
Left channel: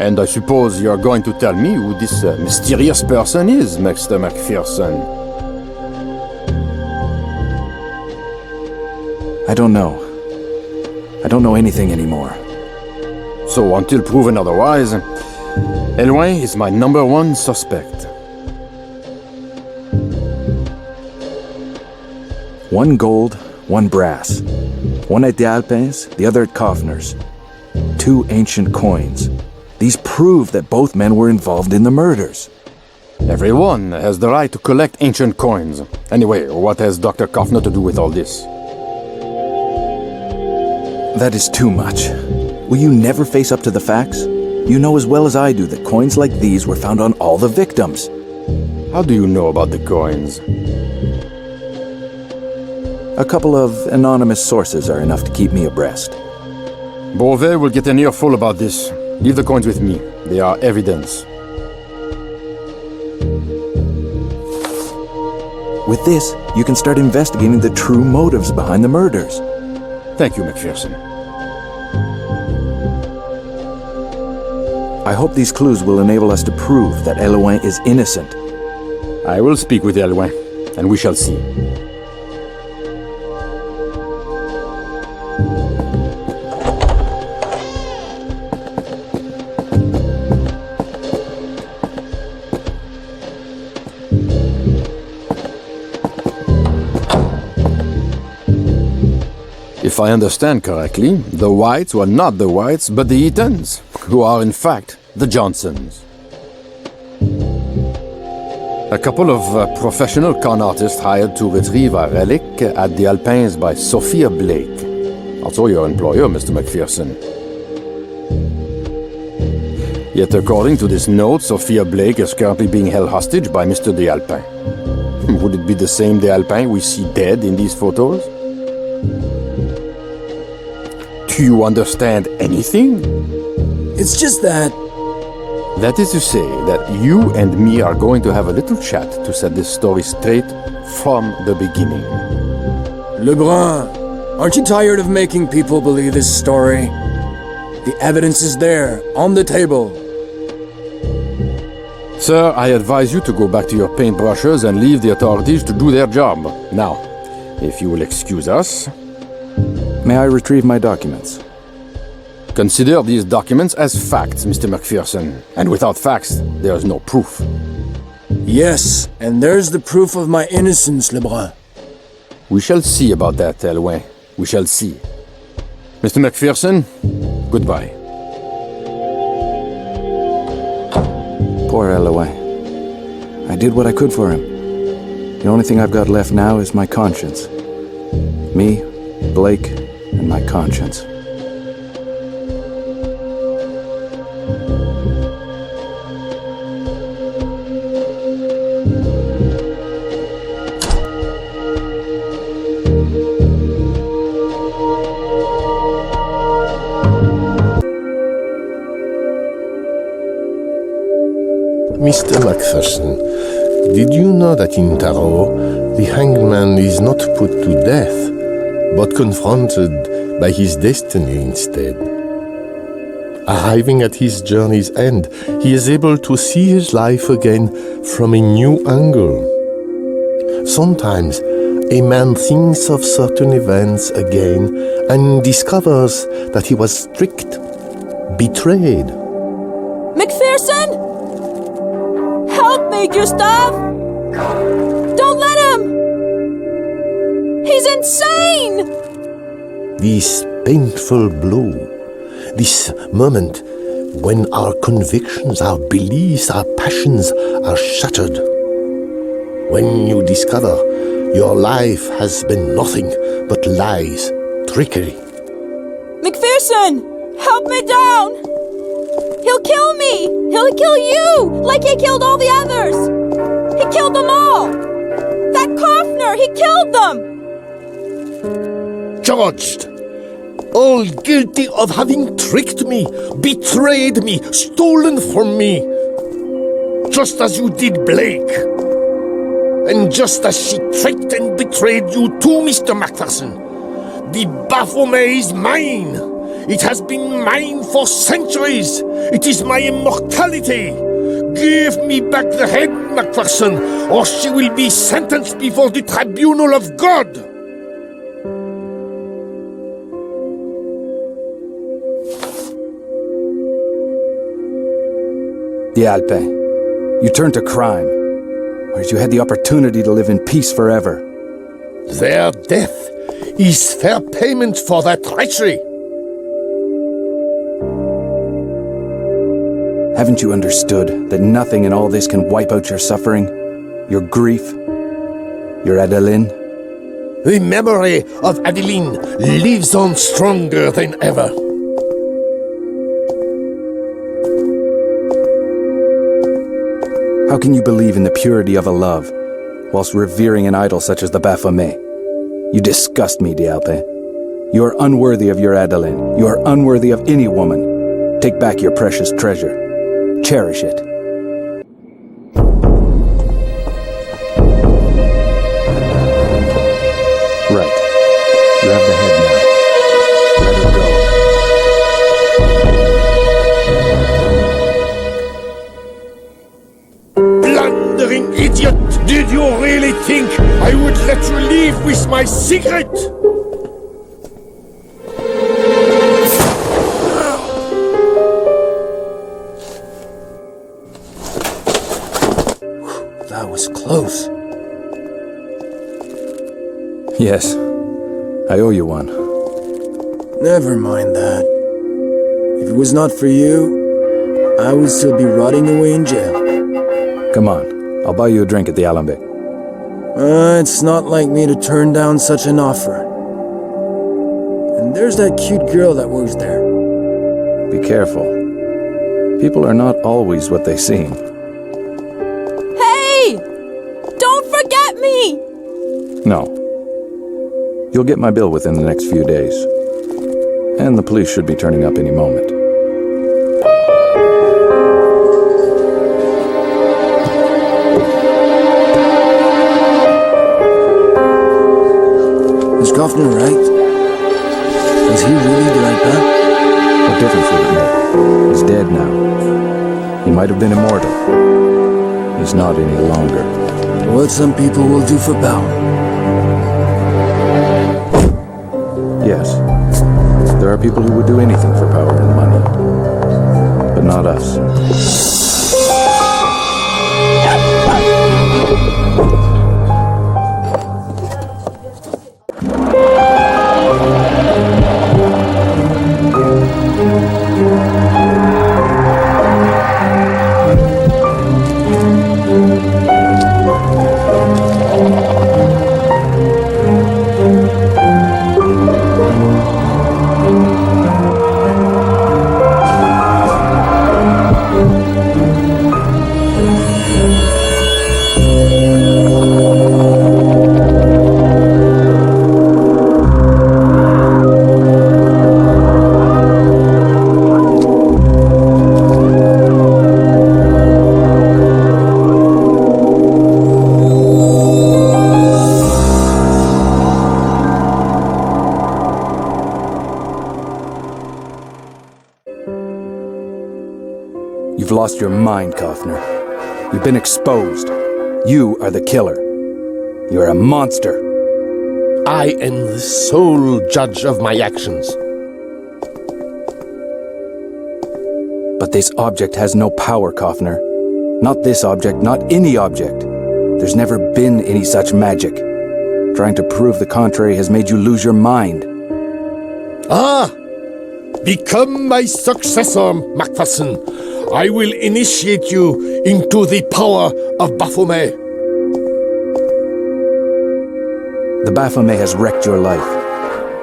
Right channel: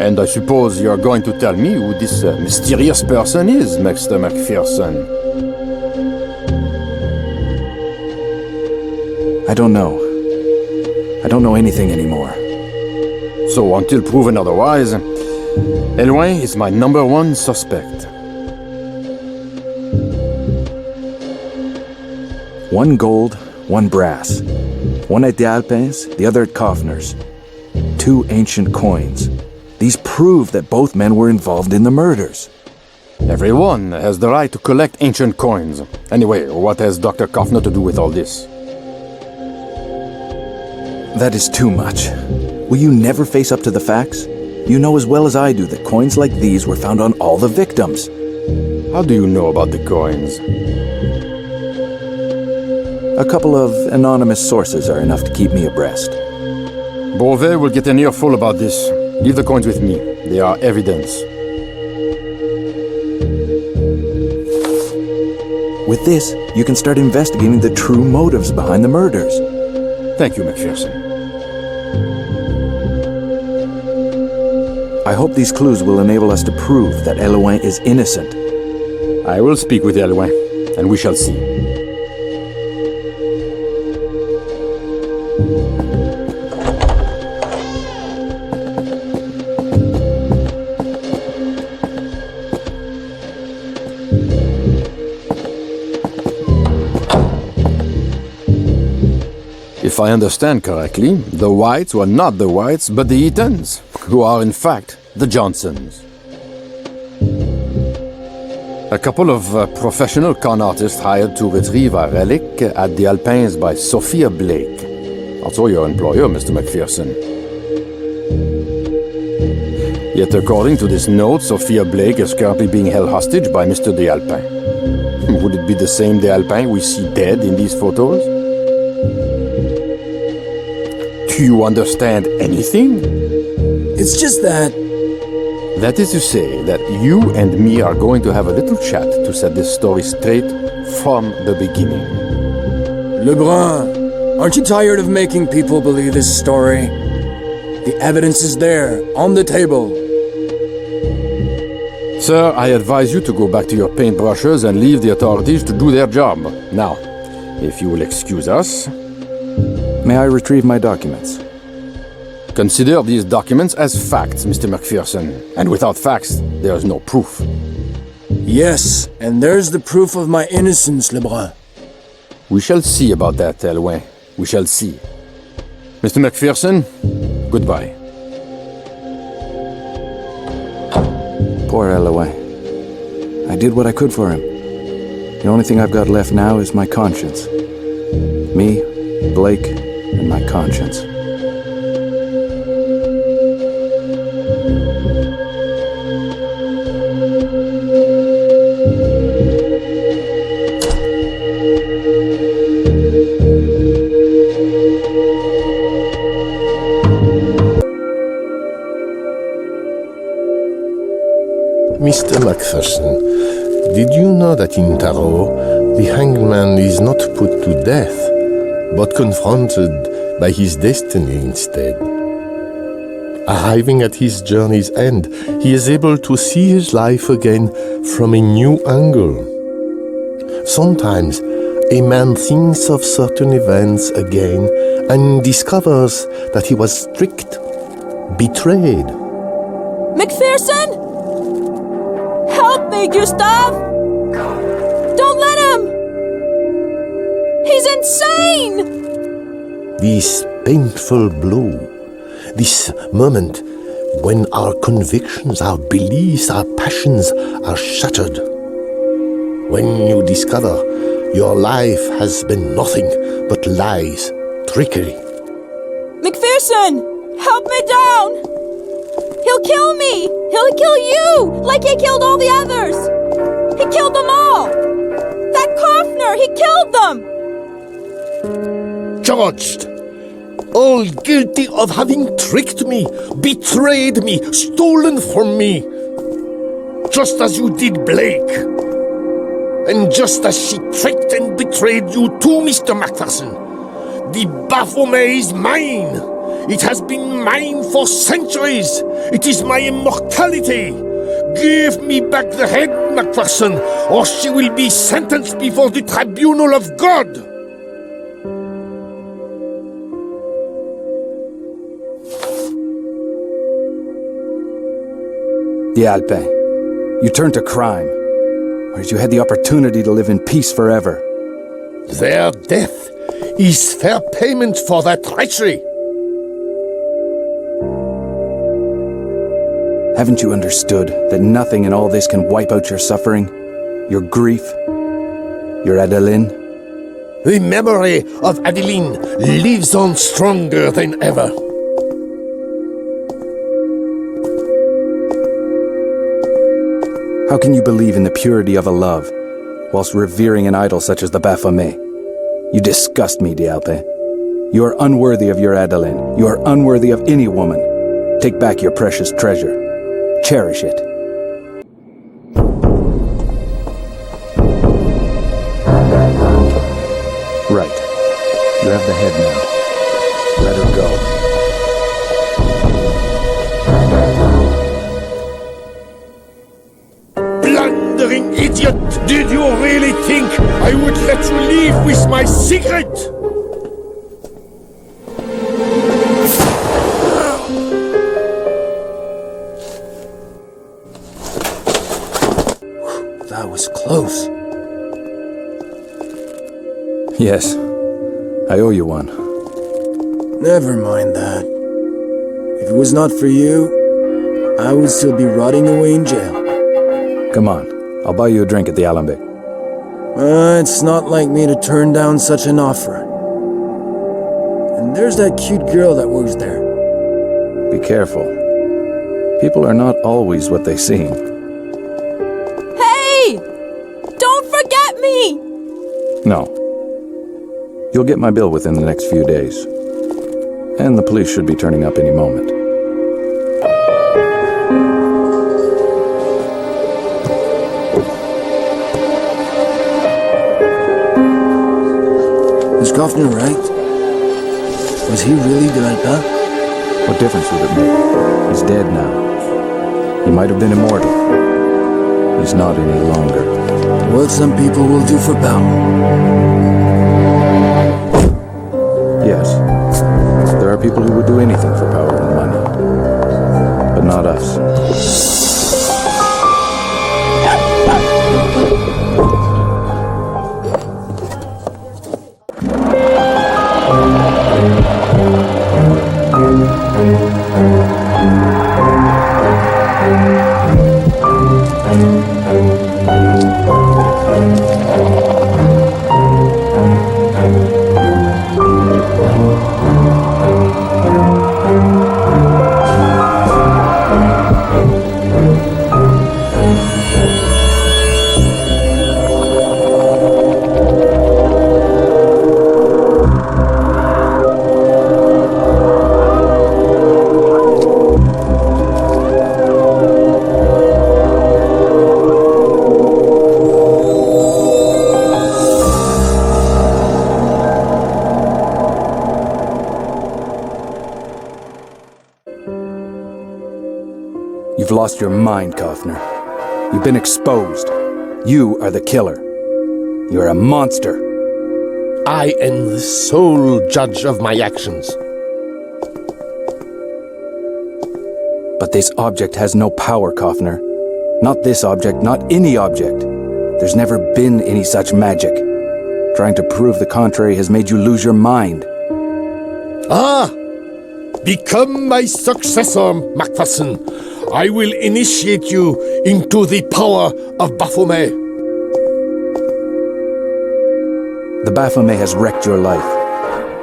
And I suppose you're going to tell me who this mysterious person is, Mr. McPherson. I don't know. I don't know anything anymore. So until proven otherwise, Hellouin is my #1 suspect. One gold, one brass. One at de Allepin's, the other at Kaufner's. 2 ancient coins. These prove that both men were involved in the murders. Everyone has the right to collect ancient coins. Anyway, what has Dr. Kaufner to do with all this? That is too much. Will you never face up to the facts? You know as well as I do that coins like these were found on all the victims. How do you know about the coins? A couple of anonymous sources are enough to keep me abreast. Beauvais will get an earful about this. Leave the coins with me. They are evidence. With this, you can start investigating the true motives behind the murders. Thank you, McPherson. I hope these clues will enable us to prove that Hellouin is innocent. I will speak with Hellouin, and we shall see. If I understand correctly, the Whites were not the Whites, but the Eatons, who are in fact the Johnsons. A couple of professional con artists hired to retrieve a relic at the Alpins by Sophia Blake. Also your employer, Mr. McPherson. Yet according to this note, Sophia Blake is currently being held hostage by Mr. de Allepin. Would it be the same de Allepin we see dead in these photos? Do you understand anything? It's just that... That is to say that you and me are going to have a little chat to set this story straight from the beginning. Lebrun, aren't you tired of making people believe this story? The evidence is there, on the table. Sir, I advise you to go back to your paintbrushes and leave the authorities to do their job. Now, if you will excuse us... May I retrieve my documents? Consider these documents as facts, Mr. McPherson. And without facts, there is no proof. Yes, and there's the proof of my innocence, Lebrun. We shall see about that, Hellouin. We shall see. Mr. McPherson, goodbye. Poor Hellouin. I did what I could for him. The only thing I've got left now is my conscience. Me, Blake, and my conscience. Mr. McPherson, did you know that in Tarot, the hanged man is not put to death, but confronted by his destiny instead? Arriving at his journey's end, he is able to see his life again from a new angle. Sometimes a man thinks of certain events again and discovers that he was tricked, betrayed. McPherson? Help me, Gustav! Don't let him! He's insane! This painful blow, this moment when our convictions, our beliefs, our passions are shattered. When you discover your life has been nothing but lies, trickery. McPherson! Help me down! He'll kill me! He'll kill you! Like he killed all the others! He killed them all! That Kaufner! He killed them! Charged! All guilty of having tricked me, betrayed me, stolen from me. Just as you did Blake. And just as she tricked and betrayed you too, Mr. McPherson. The Baphomet is mine. It has been mine for centuries. It is my immortality. Give me back the head, McPherson, or she will be sentenced before the tribunal of God. De Allepin, you turned to crime, whereas you had the opportunity to live in peace forever. Their death is fair payment for their treachery. Haven't you understood that nothing in all this can wipe out your suffering, your grief, your Adeline? The memory of Adeline lives on stronger than ever. How can you believe in the purity of a love, whilst revering an idol such as the Baphomet? You disgust me, de Allepin. You are unworthy of your Adeline. You are unworthy of any woman. Take back your precious treasure. Cherish it. Right. You have the head now. Let her go. Blundering idiot! Did you really think I would let you leave with my secret? That was close. Yes. I owe you one. Never mind that. If it was not for you, I would still be rotting away in jail. Come on. I'll buy you a drink at the Alembic. It's not like me to turn down such an offer. And there's that cute girl that works there. Be careful. People are not always what they seem. Hey! Don't forget me! No. You'll get my bill within the next few days. And the police should be turning up any moment. Is Kaufner right? Was he really de Allepin? What difference would it make? He's dead now. He might have been immortal. He's not any longer. What some people will do for power. Yes. There are people who would do anything for power and money. But not us. You've lost your mind, Kaufner. You've been exposed. You are the killer. You're a monster. I am the sole judge of my actions. But this object has no power, Kaufner. Not this object, not any object. There's never been any such magic. Trying to prove the contrary has made you lose your mind. Ah! Become my successor, McPherson. I will initiate you into the power of Baphomet. The Baphomet has wrecked your life,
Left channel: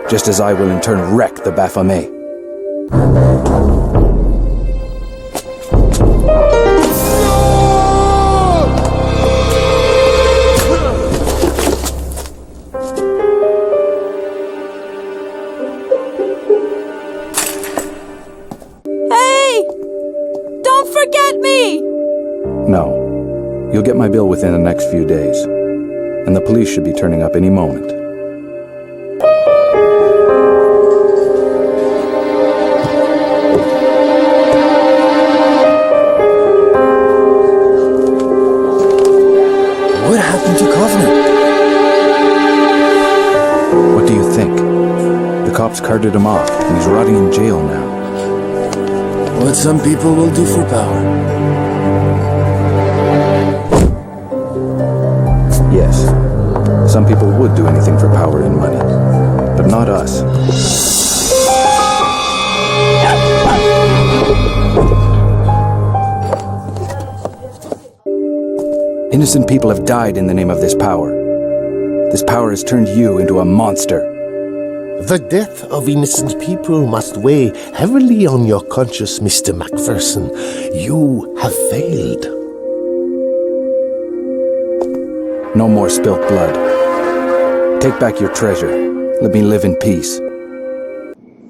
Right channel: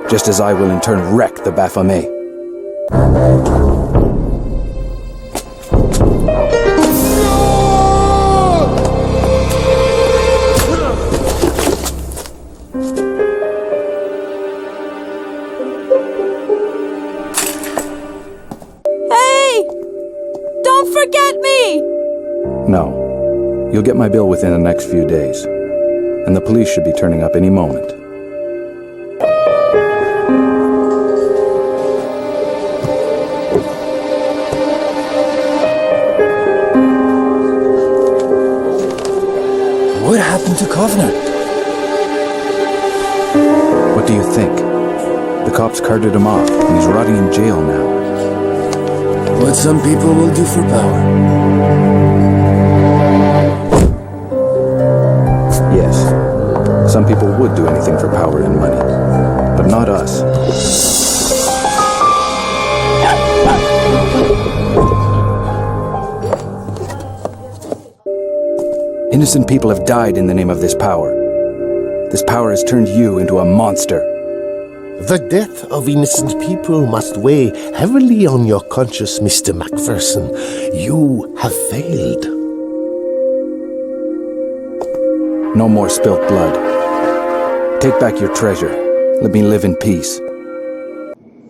just as I will in turn wreck the Baphomet. Hey! Don't forget me! No. You'll get my bill within the next few days. And the police should be turning up any moment. What happened to Kaufner? What do you think? The cops carted him off, and he's rotting in jail now. What some people will do for power. Yes, some people would do anything for power and money, but not us. Innocent people have died in the name of this power. This power has turned you into a monster. The death of innocent people must weigh heavily on your conscience, Mr. McPherson. You have failed. No more spilt blood. Take back your treasure. Let me live in peace.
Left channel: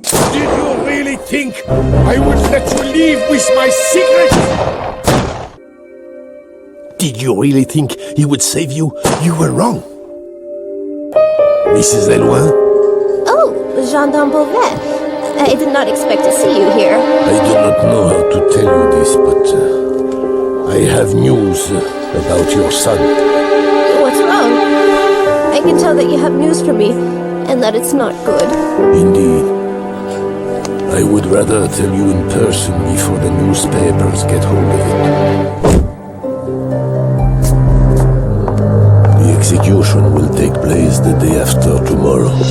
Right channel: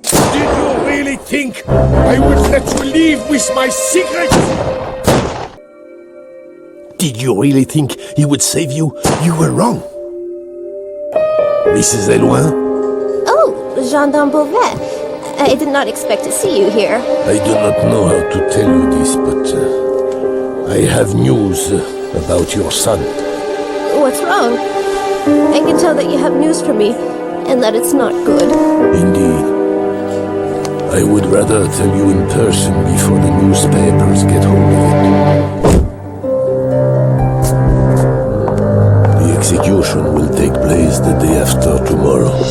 Did you really think I would let you leave with my secret? Did you really think he would save you? You were wrong. Mrs. Hellouin? Oh, Gendarme Beauvais. I did not expect to see you here. I do not know how to tell you this, but I have news about your son. What's wrong? I can tell that you have news for me, and that it's not good. Indeed. I would rather tell you in person before the newspapers get hold of it. The execution will take place the day after tomorrow.